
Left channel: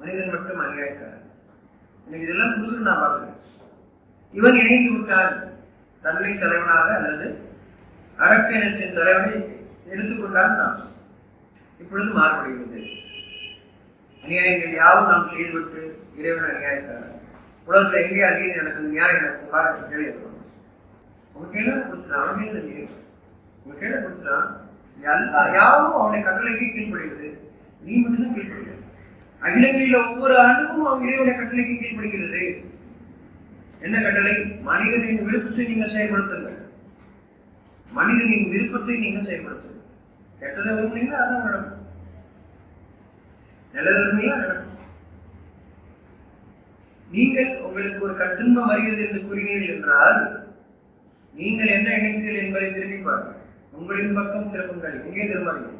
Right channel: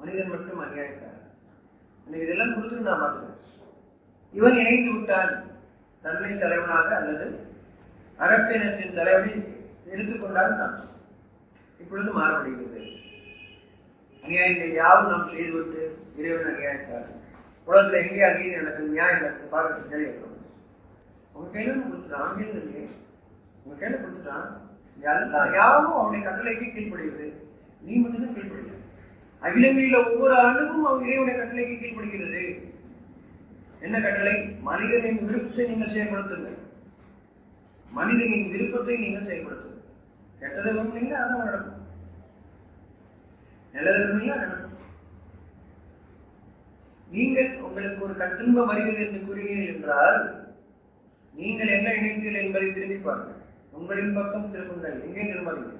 மனிதன் மட்டும் அநியாயக்காரன். எனக்கு இதெல்லாம் கொடுத்துட்டு நான் பார்க்கிறேன். இவன் இணைந்து விட்டான் தன்னை தலைவனாக அல்லது அரக்கினத்தின் தலைவனை எடுத்துக்கொண்டால் நாம் இப்பொழுது மாறுபடுகிறது. அநியாயங்கள் யாவும் நாம் செய்துவிட்டு இறைவன் அநியாயக்காரன். உலகத்தில் எங்கேயா நீதி நடக்குது, நியாயம் நடக்குது பாருங்க, தெரியும். உங்க கையில கொடுத்துட்டான், அவன் கையில இல்லையே, உங்க கையில கொடுத்துட்டான். எல்லா யாவும் அவனை கட்டளைக்கு கீழ்படுகிறது. நீ மட்டும்தான் கீழ்படுகிறது. அகிலங்களில் ஒவ்வொரு அணுவும் அவன் இறைவனை கட்டளைக்கு கீழ்படுகிறது. என்ன கட்டளை? மனிதனின் விருப்பத்தை நீங்கள் செயல்படுத்துங்கள். மனிதனின் விருப்பத்தை நீங்கள் செயல்படுத்துங்கள். கெட்டதை விரும்பினீங்கன்னா அதான் நடக்கும், நல்லதை விரும்பினா நடக்கும். நீங்கள் உங்களுக்கு ஒரு துன்பம் வருகிறது என்று கூறினீர்கள் என்றால் நீங்கள் என்ன நினைத்தீர்கள் என்பதை திரும்பி பாருங்கள். உங்களின் பக்கம் திரும்புங்கள், எங்கே திரும்பாதீங்க.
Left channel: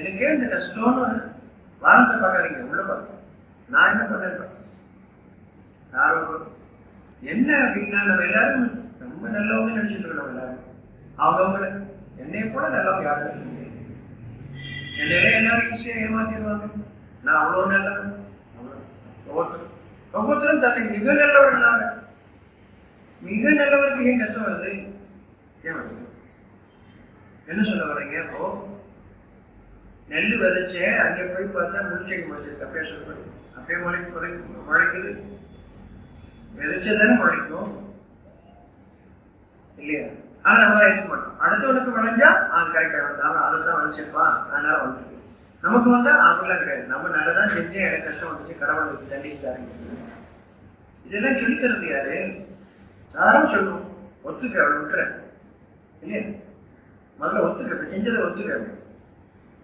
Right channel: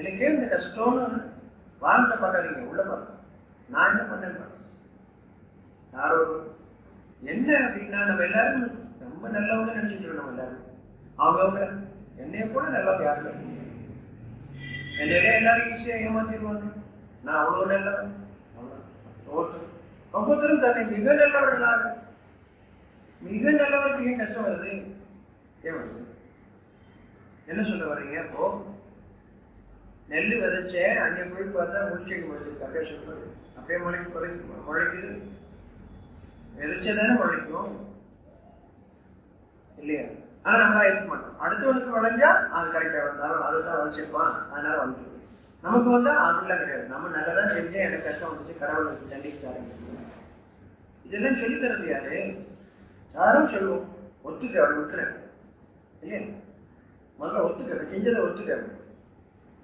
எனக்கே இந்த கஷ்டம்னு வாரத்தை பார்க்காதீங்க, உள்ள பார்க்க நான் என்ன பண்ணேன். யாரோ என்ன அப்படின்னா நம்ம எல்லாரும் ரொம்ப நல்லவங்க நினைச்சிட்டு இருக்கோம். நம்ம எல்லாரும் அவங்கவுங்கள என்னைய போல நல்லவங்க யாருமே இல்லை. என்னையெல்லாம் எல்லாரும் ஈஸியா ஏமாத்திடுவாங்க. நான் அவ்வளவு நல்லவன். ஒவ்வொருத்தரும் தன்னை மிக நல்லவர்களாக, மிக நல்லவருக்கு ஏன் கஷ்டம் வருது? ஏன் வருது? என்ன சொல்ல வர்றீங்க? அப்போ நெல் விதைச்சேன், அங்கே போய் பார்த்தா முள்செடி முளைச்சிருக்கு. அப்படியே சொல்லுவாங்க. அப்படியே முளைக்குது. விதைச்சதானே முளைக்கும் இல்லையா? ஆனா நம்ம தான் ஏற்றுக்க மாட்டோம். அடுத்தவனுக்கு விளைஞ்சா அது கரெக்டா வந்தாலும் அதை தான் விளைச்சிருப்பான், அதனால வந்துருக்கு. நமக்கு வந்தா அப்படிலாம் கிடையாது. நம்ம நல்லதான் செஞ்சேன், எனக்கு கஷ்டம் வந்துச்சு, கடவுள் தண்டிச்சாருங்க. இதெல்லாம் சொல்லித்தரது யாரு? யாரும் சொல்லுவோம். ஒத்துக்க, அவளை விட்டுறேன் இல்லையா? முதல்ல ஒத்துக்க, செஞ்சதை ஒத்துக்க.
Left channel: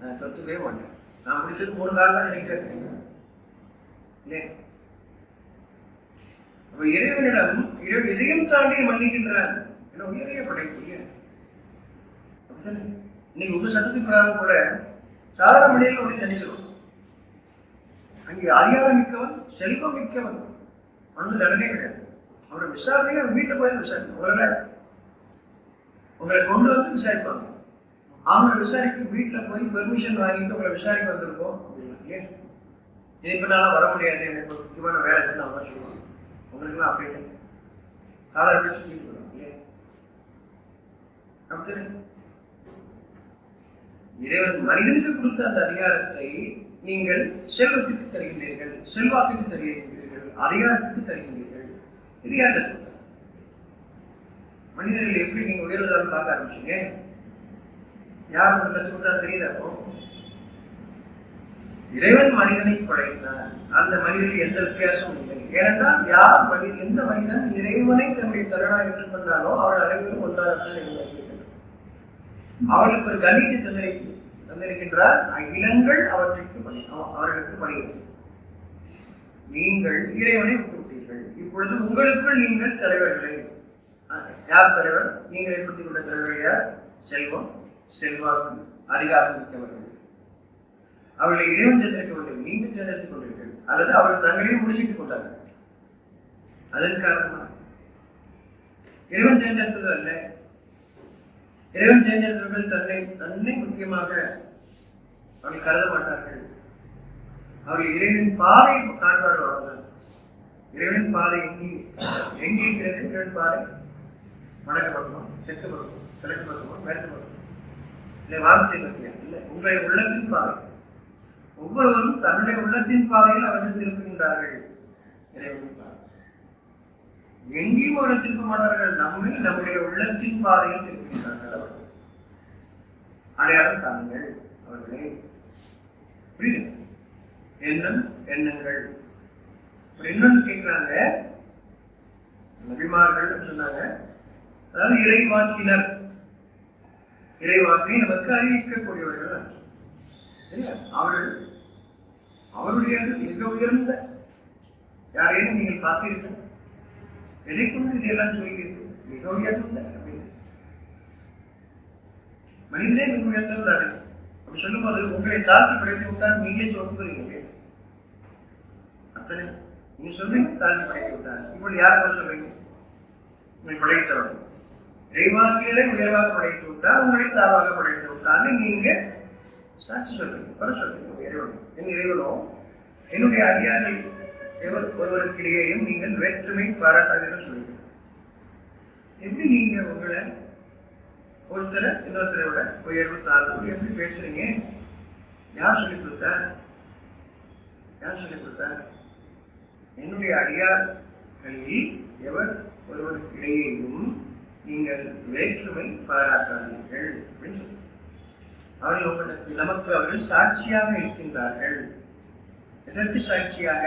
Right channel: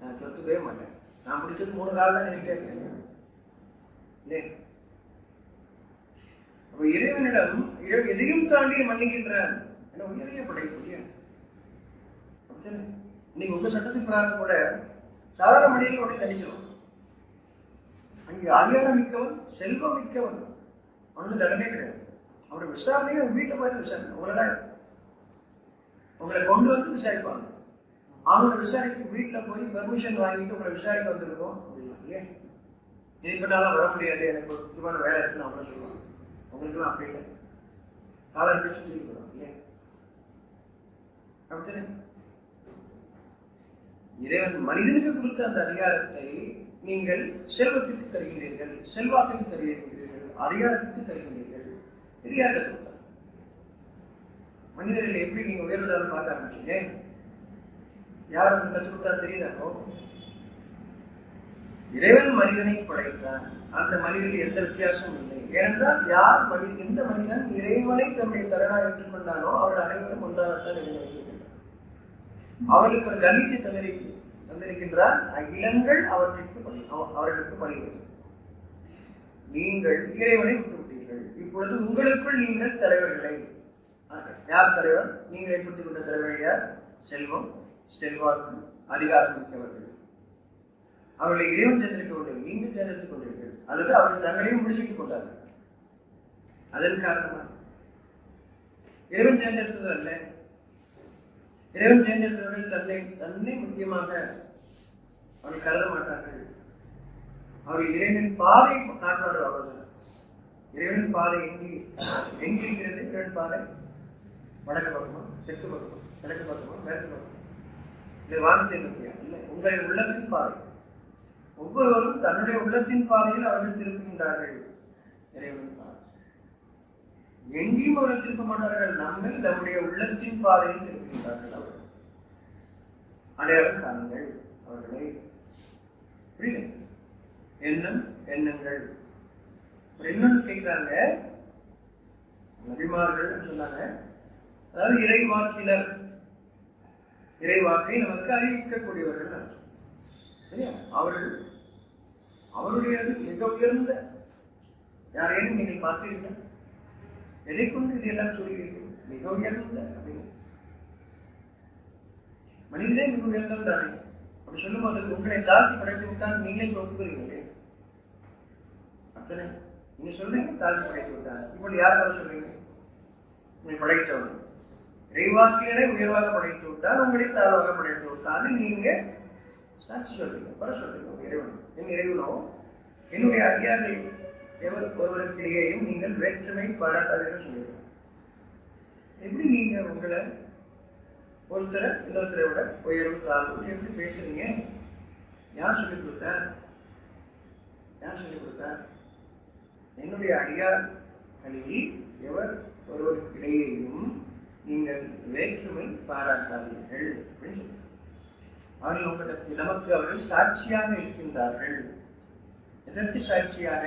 நான் ஒத்துக்கவே மாட்டேன். நான் பிடிச்சது 3 காலம் தான் நினைக்கிட்டே இருக்கேன் இல்லையா? அப்ப இறைவனிடம் எதையும் தாண்டி மன்னிக்கின்றான். ஏன்னா உயரிய படைக்கூடிய இன்னைக்கு உங்க சட்டத்தின் பிரகாரம் கூட சாதாரண மனிதர்கள் உடனே நினைச்சிடும். அங்கே அதிகாரம் மிக்கவன், செல்வம் மிக்கவன், அவனுக்கு தண்டனை கிடையாது. அவரை விசாரணையே வீட்டில் போய் விசாரிக்கணும். உங்களை கொண்டு வந்து விசாரிப்பாங்க. அவங்கள விசாரிக்க வீட்டில் போய் பெர்மிஷன் வாங்கிட்டு உங்களை விசாரிக்க வந்திருக்கோம் அப்படின்னா இல்லையா? இனிப்பெல்லாம் வர முடியாது, எனக்கு ஒரு முக்கியமான வேலை இருக்குன்னு அவங்க சொல்லுவாங்க. உங்களுக்குலாம் அப்படி இல்லை. காலரை போய் சுற்றிட்டு போயிடும் இல்லையா? அப்படித்தானே? இறைவன் மனிதனுக்கு கொடுத்த அந்த அதிகாரத்தை நீங்கள் செல்வத்திற்கு தருகின்றீர்கள், செல்வாக்குக்கு தருகின்றீர்கள், அதிகாரத்துக்கு தருகின்றீர்கள். இது யாருக்கு கொடுத்தார்? மனிதர்கள் எப்படி நீங்க உயர்வதாலும் பார்க்க ஆரம்பிச்சீங்க? யார் உங்களுக்கு கற்றுக் கொடுத்தா தெரியல. அப்போ இறைவன் மனிதனை படைத்தார். அந்த மனிதர்கள் எந்த வித்தியாசமும் இல்லை. ஏனென்றால் எந்த மனிதன் இறைவனை தன்னுடைய தரணா ஏற்றுக்கொண்டானோ அவர்கள் அனைவரும் ஒன்றாகத்தான் வைத்திருக்கின்றனர். அவர்களுக்கு ஒரு கண்ணியத்தை தந்திருக்கின்றார். அகிலங்கள் அவர்களுக்கு பணிகிறது. நீங்கள் இறைவனை விட்டுவிட்டீர்கள். இப்பொழுது உங்களுக்குள் நீங்கள் தலைவர்களை, யார் தலைவர்? நீங்கள் ஏற்படுத்திக் கொண்ட தலைவர்கள் யார்? செல்வம், செல்வாக்கு, அதிகாரம் மிக்கவர்கள். அவர்களை இறைவன் தேர்ந்தெடுக்க வேண்டும். நீங்கள் தேர்ந்தெடுத்துக் கொண்டீர்கள், அல்லது அவர்கள் தங்களையும் முடிச்சுட்டுக் கொண்டார்கள். அதன் காரணமாக இறைவன் தேர்ந்தெடுத்தது அல்ல. இறைவன் தேர்ந்தெடுத்தவர்கள் தன்னை முக்கியமாக அவர்கள் கருத மாட்டார்கள். அவர்கள் இறைவனின் பாதையை காட்டுவார்கள். அவ்வளவுதான். இறைவனின் பாதை எங்கே இருக்கிறது? இறைவன் பாதை வடக்கு பக்கமா, தெற்கு பக்கமா, கிழக்கு பக்கமா, மேற்கு பக்கமா? இல்லை, வானத்தை நோக்கியா? இல்லை, உங்களுடைய உள்ளத்தின் பாதை. ஒவ்வொருவரும் தன்னுடைய உள்ளத்தின் பாதையில் அவர்கள் திருப்புகின்றார்கள். இறைவனின் பாதை எங்கேயும் அவர்கள் திருப்ப மாட்டார்கள். நம்முடைய உள்ளத்தின் பாதையில் திருப்புகின்றார்கள். அவர்கள் அடையாளம் காணுங்கள் அவர்களே. புரியுது? எண்ணங்கள். இன்னொன்று கேட்கிறாங்க, நபிமார்கள் சொன்னாங்க, அதாவது இறைவாக்கினர், இறைவாக்கை நமக்கு அறிவிக்கக்கூடியவர்கள். அவருடையது மிக உயர்ந்த. யாரையும் நீங்கள் பார்த்தீர்கள்? எதை கொண்டு இதையெல்லாம் சொல்கிறீர்கள்? மிக உயர்ந்த அப்படின்னு. மனிதனே மிக உயர்ந்தவன் தானே. அப்படி சொல்லும்போது உங்களை தாழ்த்தி படைத்து விட்டால் நீங்களே சொல்லுறீங்களே. அத்தனை நீங்க சொல்றீங்க தாழ்த்தி படைத்து விட்டார். இப்பொழுது யாரை கூட சொல்றீங்க? உங்களை படைத்தவன். இறைவாக்கினரை உயர்வாக படைத்து விட்டால், உங்களை தாழ்வாக படைத்து விட்டான்னு நீங்க சாட்சி சொல்றீங்க, வர சொல்றீங்க. இறைவன் என் இறைவனோ என்னுடைய அடியார்கள் ஒருவருக்கிடையேயும் நீங்கள் வேற்றுமை பாராட்டாதீர்கள் சொல்லுங்க. எப்படி நீங்க உங்களை ஒருத்தரை இன்னொருத்தரை விட உயர்வு தாழ்வு எப்படி பேசுறீங்க? யார் சொல்லிக் கொடுத்தார்? யார் சொல்லிக் கொடுத்தார்? என்னுடைய அடியார்களில் எவர் ஒருவருக்கிடையேயும் நீங்கள் வேற்றுமை பாராட்டாதீர்கள் அப்படின்னு சொல்லுங்க. அவர்கள் உங்களுக்கு நமக்கு அவர்கள் சாட்சியாக இருக்கின்றார்கள். எதற்கு சாட்சியாக?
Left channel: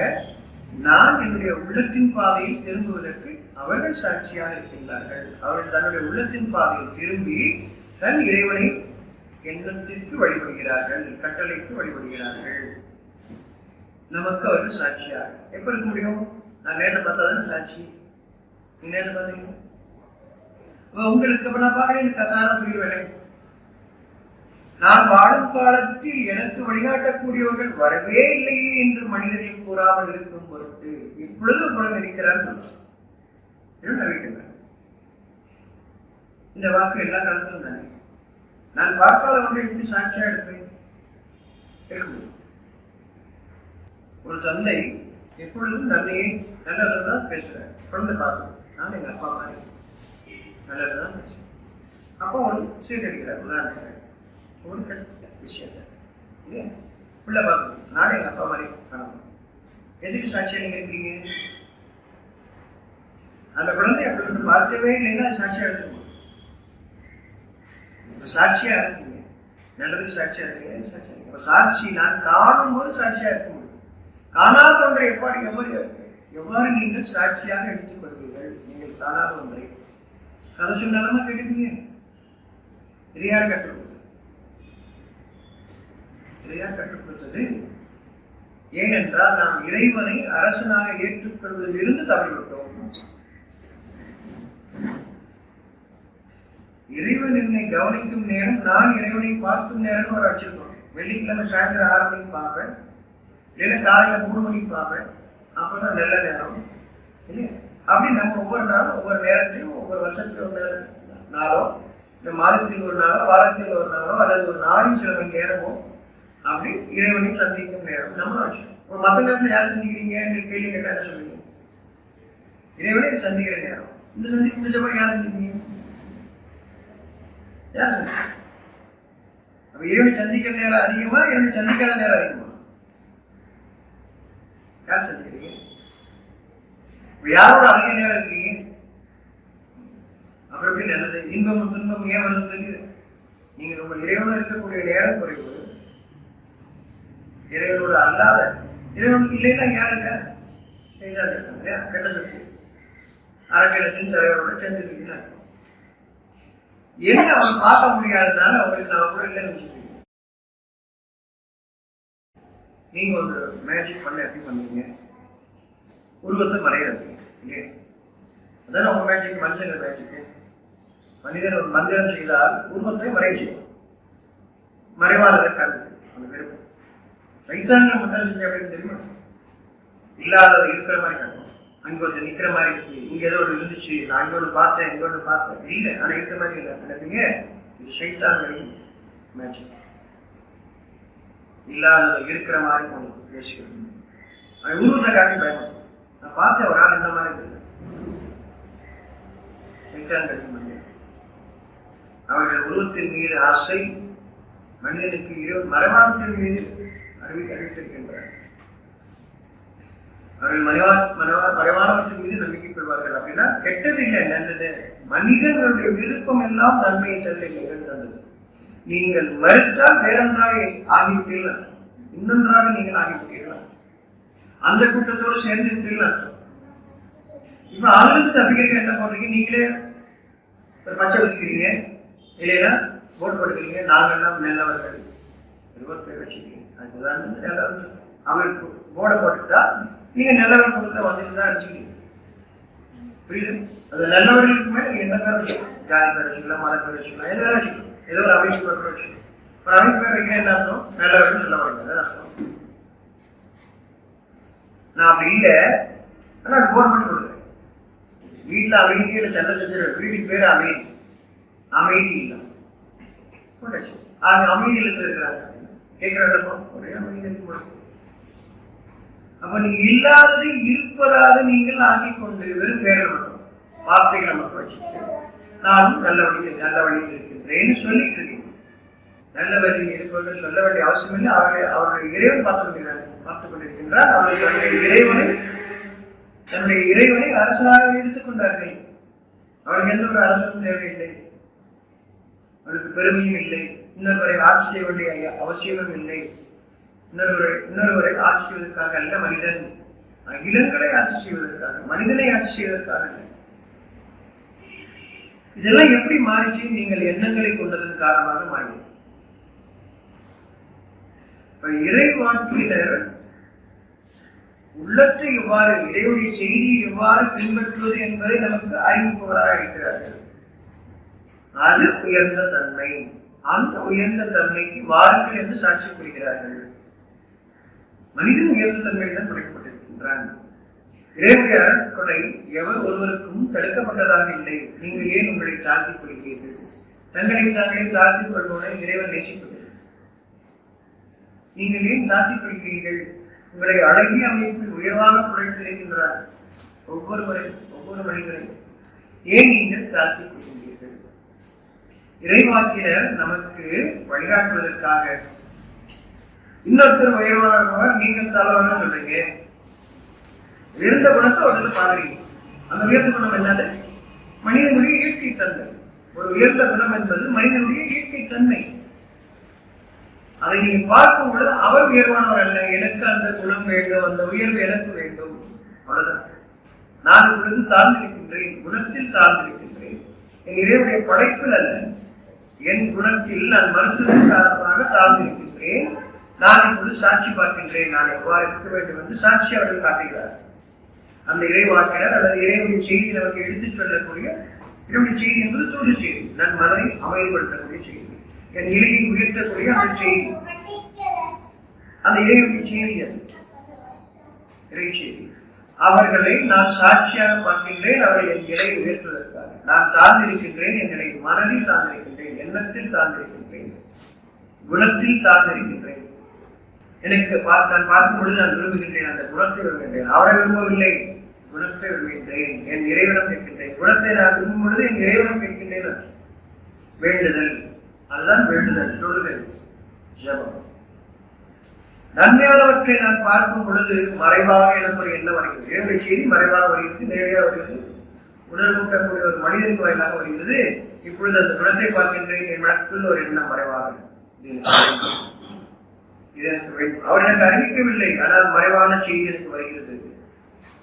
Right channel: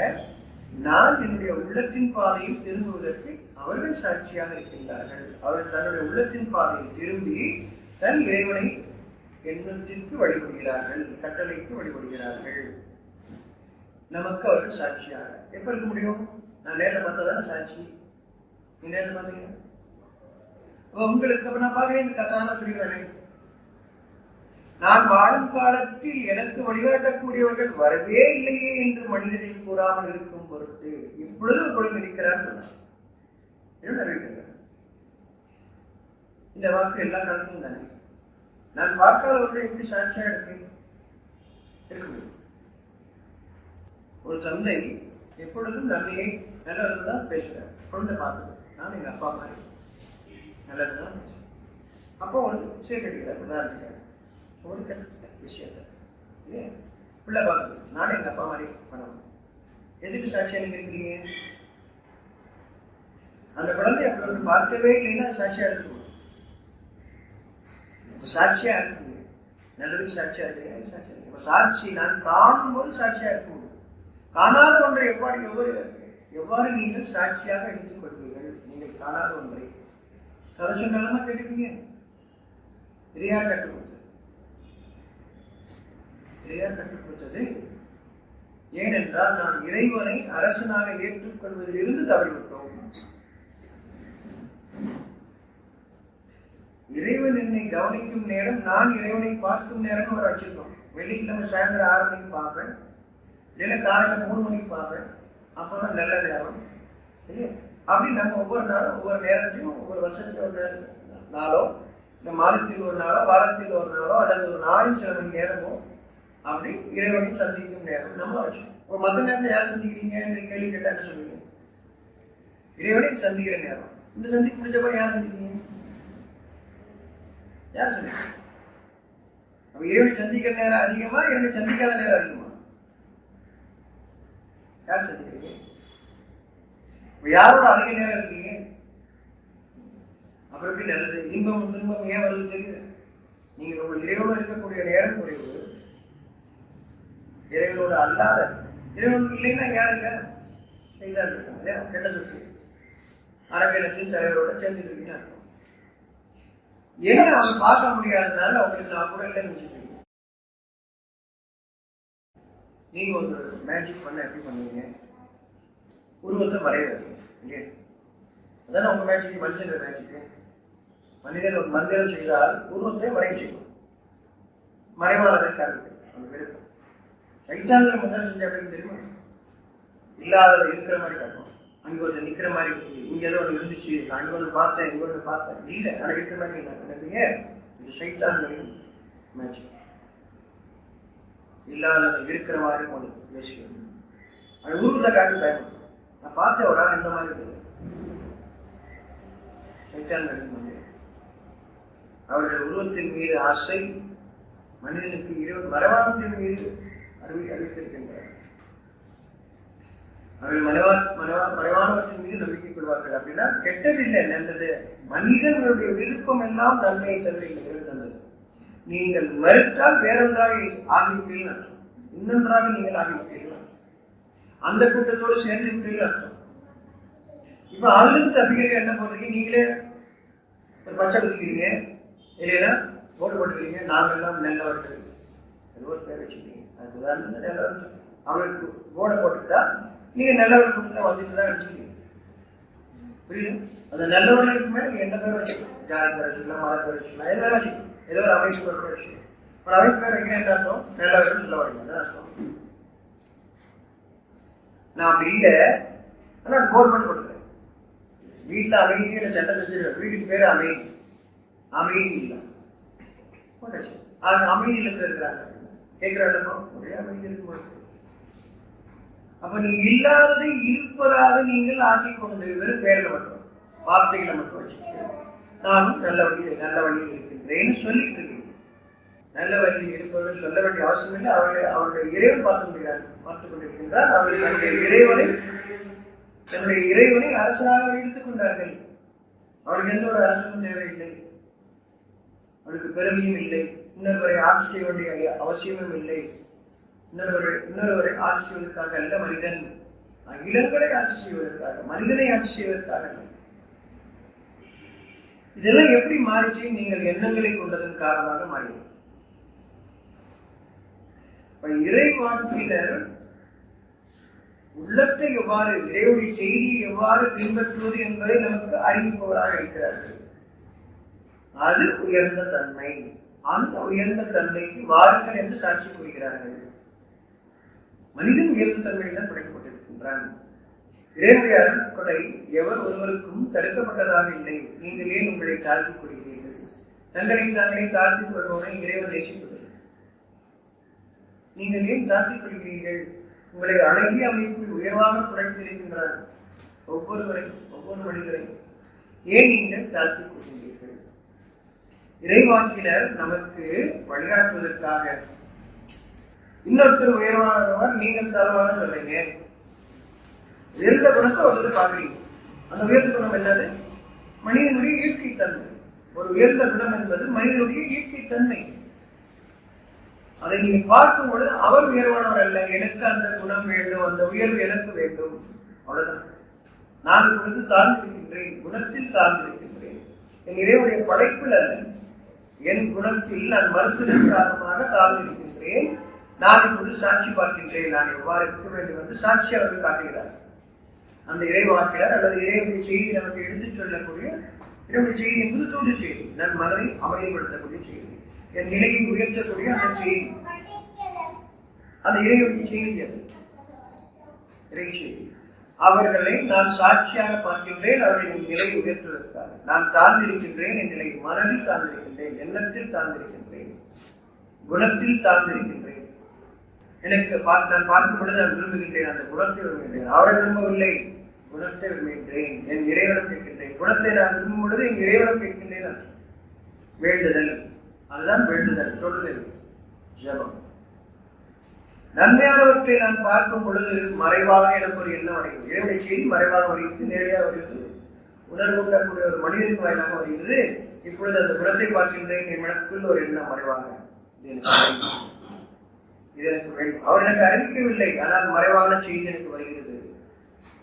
நான் என்னுடைய உள்ளத்தின் பாதையில் திரும்புவதற்கு அவர்கள் சாட்சியாக இருக்கின்றார்கள். அவர்கள் தன்னுடைய உள்ளத்தின் பாதையில் திரும்பி தன் இறைவனை எண்ணத்திற்கு வழிபடுகிறார்கள், கட்டளைக்கு வழிபடுகிறார்கள். நமக்கு அவர்கள் சாட்சியாக எப்ப இருக்க முடியும்? நான் நேரில் பார்த்தா தானே சாட்சி. நீ நேரில் பார்த்தீங்க உங்களுக்கு அப்ப நான் பார்க்கறேன் சாதாரண சொல்லிடுவேன். நான் வாழும் காலத்தில் எனக்கு வழிகாட்டக்கூடியவர்கள் வரவே இல்லையே என்று மனிதர்கள் கூறாமல் இருக்கும் பொருட்டு இப்பொழுது உங்களுடன் இருக்கிறார் அறிவிக்கின்றார். இந்த வாக்கு எல்லா காலத்திலும் தானே. நான் பார்க்காத ஒன்றை எப்படி சாட்சியா எடுப்பேன்? இருக்க முடியும். ஒரு தந்தை எப்பொழுதும் நன்மையை நல்லதான் பேசுறார். குழந்தை பார்க்கணும், நான் எங்க அப்பா மாதிரி நல்லதுதான் பேசுறேன். அப்பா ஒன்று சீட் அடிக்கிறார், உதாரணத்துக்கு ஒரு கெட்ட விஷயத்த இல்லையா உள்ள பார்க்கணும், நானும் எங்க அப்பா மாதிரி பண்ணணும். எதுக்கு சாட்சியா நீங்க இருக்கிறீங்க? அந்த குழந்தை அப்படி ஒன்று பார்க்கவே இல்லைன்னா சாட்சியா எடுத்துக்கணும். சாட்சியா இருக்கீங்க, நல்லதுக்கு சாட்சியா இருக்கீங்க, சாட்சியா இருக்கீங்க. சாட்சி நான் காணும் போது சாட்சியா இருக்க முடியும். காணாத ஒன்றை எவ்வாறு நீங்கள் சாட்சியாக எடுத்துக்கொள்வீர்கள்? நீங்கள் காணாத ஒன்றை கதை சொன்னாலுமா கேட்டுப்பீங்க. இது யார் கற்றுக் கொடுத்தது? இது யார் கற்றுக் கொடுத்தது? ஏனென்றால் நாம் இறைவனை அரசனாக ஏற்றுக்கொள்வதிலிருந்து தவறிவிட்டோம். இறைவன் என்னை கவனிக்கும் நேரம், நான் இறைவனை பார்க்கும் நேரம்னு ஒரு வச்சிருக்கோம். வெள்ளிக்கிழமை சாயந்தரம் 6 மணிக்கு பார்ப்பேன், இல்லைன்னா காலையில் 3 மணிக்கு பார்ப்பேன். அப்போதான் நல்ல நேரம் இல்லையா? அப்படி நம்ம ஒவ்வொரு நாளும் ஒவ்வொரு நேரத்தையும் ஒவ்வொரு வருஷத்துல ஒரு நாளோ, இந்த மாதத்தில் ஒரு நாளோ, வாரத்தில் ஒரு நாளோ, அல்லது ஒரு நாளின் சில மணி நேரமோ அப்படி இறைவனையும் சந்திக்கும் நேரம் நம்மளும் வச்சுக்கோம். மற்ற நேரத்தில் யாரை சந்திக்கிறீங்க கேள்வி கேட்டா என்ன சொல்லுவீங்க? இறைவனை சந்திக்கிற நேரம். இந்த சந்திப்பு முடிஞ்சப்போ யாரை சந்திக்கிறீங்க? யார் சந்திக்க? அப்ப இறைவனை சந்திக்கிற நேரம் அதிகமா, இறைவனை சந்திக்காத நேரம் அதிகமா? யார் சந்திக்கிறீங்க? யாரோட அதிக நேரம் இருக்கீங்க? அப்புறம் எப்படி நல்லது? இன்பம் துன்பம் ஏன் வருது தெரியல. நீங்க உங்கள் இறைவனோடு இருக்கக்கூடிய நேரம் குறைவு. இறைவனோடு அல்லாத, இறைவனுக்கு இல்லைன்னா யாருங்க இருக்காங்க? கெட்ட சொத்து அரங்கத்தின் தலைவரோட சேர்ந்துட்டு இருக்கீங்க. என்ன அவங்க பார்க்க முடியாததுனால அவங்களுக்கு நான் கூட இல்லைன்னு வச்சுக்கோங்க. நீங்க ஒரு மேஜிக் பண்ண எப்படி பண்ணுவீங்க? உருவத்தை மறைய வைப்பீங்க இல்லையா? அதான உங்க மேஜிக், மனுஷங்க மேஜிக்கு. மனிதன் ஒரு மந்திரம் செய்தால் உருவத்தை மறைய செய்வோம், மறைவானதை காண்பிக்கும். அந்த விருப்பம் சைத்தான்கள் மந்திரம் செஞ்சு அப்படின்னு தெரியுமா? இல்லாததை இருக்கிற மாதிரி காட்டுவோம். அங்கே கொஞ்சம் நிற்கிற மாதிரி இருக்கு, இங்கே ஏதோ ஒன்று இருந்துச்சு, நான் அங்கே ஒன்று பார்த்தேன், இங்கே ஒன்று பார்த்தேன், இல்லை ஆனால் இருக்கிற மாதிரி என்ன நினைப்பீங்க? இது சைத்தான்களின் மேஜிக். இல்லாததை இருக்கிற மாதிரி கொண்டு பேசிக்கணும். அவன் உருவத்தை காட்டி பயப்படும். நான் பார்த்தேன் ஒரு ஆள் இந்த மாதிரி இல்லை. சைத்தான்களின் மந்திரம். அவர்கள் உருவத்தின் மீது ஆசை, மனிதனுக்கு இறைவன் மறைவானத்தின் மீது அறிவித்திருக்கின்றார். அவர்கள் மறைவானவற்றின் மீது நம்பிக்கை கொள்வார்கள். அப்படின்னா கெட்டது இல்லை, நல்லது. மனிதர்களுடைய விருப்பம் எல்லாம் நன்மையை தவிர இறைவன் தந்தது. நீங்கள் மறுத்தால் வேறொன்றாக ஆகிவிட்டீர்கள், இன்னொன்றாக நீங்கள் ஆகிவிட்டீர்கள், அந்த கூட்டத்தோடு சேர்ந்து விட்டீர்கள் அர்த்தம். இப்ப அதிலிருந்து தப்பிக்கிறீங்க என்ன போடுறீங்க? நீங்களே ஒரு பச்சை குத்திக்கிறீங்க, இல்லைன்னா போட்டு போட்டுக்கிறீங்க, நாங்கள்லாம் நல்லவர்கள் ஒரு பேர் வச்சுக்கிறீங்க. அதுக்கு உதாரணம் நல்லவர்கள். அவருக்கு போர்டை போட்டுக்கிட்டா நீங்க நல்லவர்கள் கூட்டத்தில் வந்துட்டு தான் அடிச்சுக்கிறீங்க. புரியுது? அது நல்லவர்களுக்கு மேலே நீங்க என்ன பேர் வச்சுக்கலாம்? ஜாதி பேர் வச்சுக்கலாம், மத பேர் வச்சுக்கலாம், எது வேலை வச்சுக்கலாம், ஏதோ ஒரு அமைப்பு பேர் கூட வச்சுக்கலாம். ஒரு அமைப்பு பேர் வைக்கிறேன் என்ன அர்த்தம்? நல்லவர்கள் சொல்ல வரீங்க, அதான் அர்த்தம். நான் அப்படி இல்லை, ஆனால் போர்டு மட்டும் கொடுக்குறேன். வீட்டில் அமைதியில் சண்டை செஞ்சிருவேன், வீட்டுக்கு பேர் அமைதி, அமைதி இல்லை போட்டாச்சு. அது அமைதியில் இருக்கிறாங்க கேட்கிறாங்க, ஒரே அமைதி இருக்கு. அப்ப நீங்க இல்லாததை இருப்பதாக நீங்கள் ஆக்கிக் கொண்டு வெறும் பேர்ல மட்டும் வார்த்தைகளை மட்டும் வச்சுக்கிட்டு நானும் நல்ல வழியில் இருக்கின்றேன்னு சொல்லிட்டு இருக்கீங்க. நல்ல வழியில் இருப்பவர்கள் சொல்ல வேண்டிய அவசியம் இல்லை. அவருடைய இறைவன் பார்த்துக் கொண்டிருக்கின்றார். அவர்கள் தன்னுடைய இறைவனை அரசனாக எடுத்துக்கொண்டார்கள். அவருக்கு எந்த ஒரு அரசனும் தேவையில்லை, அவருக்கு பெருமையும் இல்லை, இன்னொருவரை ஆட்சி செய்ய வேண்டிய அவசியமும் இல்லை. இன்னொருவரை ஆட்சி செய்வதற்காக அல்ல, மனிதன் அகிலங்களை ஆட்சி செய்வதற்காக, மனிதனை ஆட்சி செய்வதற்காக. இதெல்லாம் எப்படி மாறிச்சு? நீங்கள் எண்ணங்களை கொண்டதன் காரணமாக மாறியது. இறைவாக்கினர் உள்ளத்தை எவ்வாறு, இறைவனுடைய செய்தியை எவ்வாறு பின்பற்றுவது என்பதை நமக்கு அறிவிப்பவராக இருக்கிறார்கள். அது உயர்ந்த தன்மை. அந்த உயர்ந்த தன்மைக்கு வாருங்கள் என்று சாட்சி கூறுகிறார்கள். மனிதன் உயர்ந்த தன்மையில் தான் படைக்கப்பட்டிருக்கின்றான். இறைவனுடைய அருட்கொடை எவர் ஒருவருக்கும் தடுக்கப்பட்டதாக இல்லை. நீங்கள் ஏன் உங்களை தாழ்த்திக் கொள்கிறீர்கள்? தங்களை தாங்களே தாழ்த்திக் கொள்பவனை இறைவன் நேசிப்பதில்லை. நீங்கள் ஏன் தாழ்த்திக் கொள்கிறீர்கள்? உங்களை அழகிய அமைப்பில் உயர்வாக குறைத்திருக்கின்றார். ஒவ்வொருவரையும், ஒவ்வொரு மனிதரையும் ஏன் நீங்கள் தாழ்த்திக் கொள்கின்றீர்கள்? இறைவாக்கினர் நமக்கு வழிகாட்டுவதற்காக இன்னொருத்தர் உயர்வானவர், நீங்கள் தாழ்வான சொல்றீங்க. உயர்ந்த குணத்தை ஒருத்தர் பாக்குறீங்க. அந்த உயர்ந்த குணம் என்னது? மனிதனுடைய இயற்கை தன்மை. ஒரு உயர்ந்த குணம் என்பது மனிதனுடைய இயற்கை தன்மை. அதை நீங்கள் பார்க்கும் பொழுது அவர் உயர்வானவர் அல்ல, எனக்கு அந்த குணம் வேண்டும், அந்த உயர்வு எனக்கு வேண்டும், அவ்வளவுதான். நான் இப்பொழுது தாழ்ந்திருக்கின்றேன், குணத்தில் தாழ்ந்திருக்கின்றேன். என் இறைவனுடைய படைப்பில் அல்ல, என் குணத்தில் நான் மறுத்ததன் காரணமாக தாழ்ந்திருக்கின்றேன். நான் இப்பொழுது சாட்சி பார்க்கின்றேன், நான் எவ்வாறு இருக்க வேண்டும் என்று சாட்சி அவர்கள் காட்டுகிறார். அந்த இறைவாக்கினர் அல்லது இறைவனுடைய செய்தி நமக்கு எடுத்துச் சொல்லக்கூடிய இறைவனுடைய செய்தி என்பது தூது செய்தி, நன் மனதை அமைதிப்படுத்தக்கூடிய செய்தி, என் நிலையை உயர்த்தக்கூடிய அந்த செய்தி, அந்த இறைவனுடைய செய்தி. அது இறை செய்தி. அவர்களை நான் சாட்சியாக பார்க்கின்றேன். அவர்கள் என் நிலையை உயர்த்துவதற்காக நான் தாழ்ந்திருக்கின்றேன். என் நிலை மனதில் தாழ்ந்திருக்கின்றேன், எண்ணத்தில் தாழ்ந்திருக்கின்றேன், குணத்தில் தாழ்ந்திருக்கின்றேன். எனக்கு நான் பார்க்கும் பொழுது நான் விரும்புகின்றேன், அந்த குணத்தை விரும்புகின்றேன். அவரை விரும்பவில்லை, குணத்தை விரும்புகின்றேன். என் இறைவனம் கேட்கின்றேன். குணத்தை நான் விரும்பும் பொழுது என் இறைவனம் கேட்கின்றேன். வேண்டுதல், அதுதான் வேண்டுதல், தொழுகை, ஜபம். நன்மையானவற்றை நான் பார்க்கும் பொழுது மறைவாக எனக்கு ஒரு எண்ணம் வருகிறது. இறைவனுடைய செய்தி மறைவாக வருகிறது, நேரடியாக வருகிறது, உணர்வூட்டக்கூடிய ஒரு மனிதனின் வாயிலாக வருகிறது. இப்பொழுது அந்த குணத்தை பார்க்கின்றேன், என் மனக்குள் ஒரு எண்ணம் மறைவாக, இது எனக்கு வேண்டும். அவர் எனக்கு அறிவிக்கவில்லை, ஆனால் மறைவான செய்தி எனக்கு வருகிறது.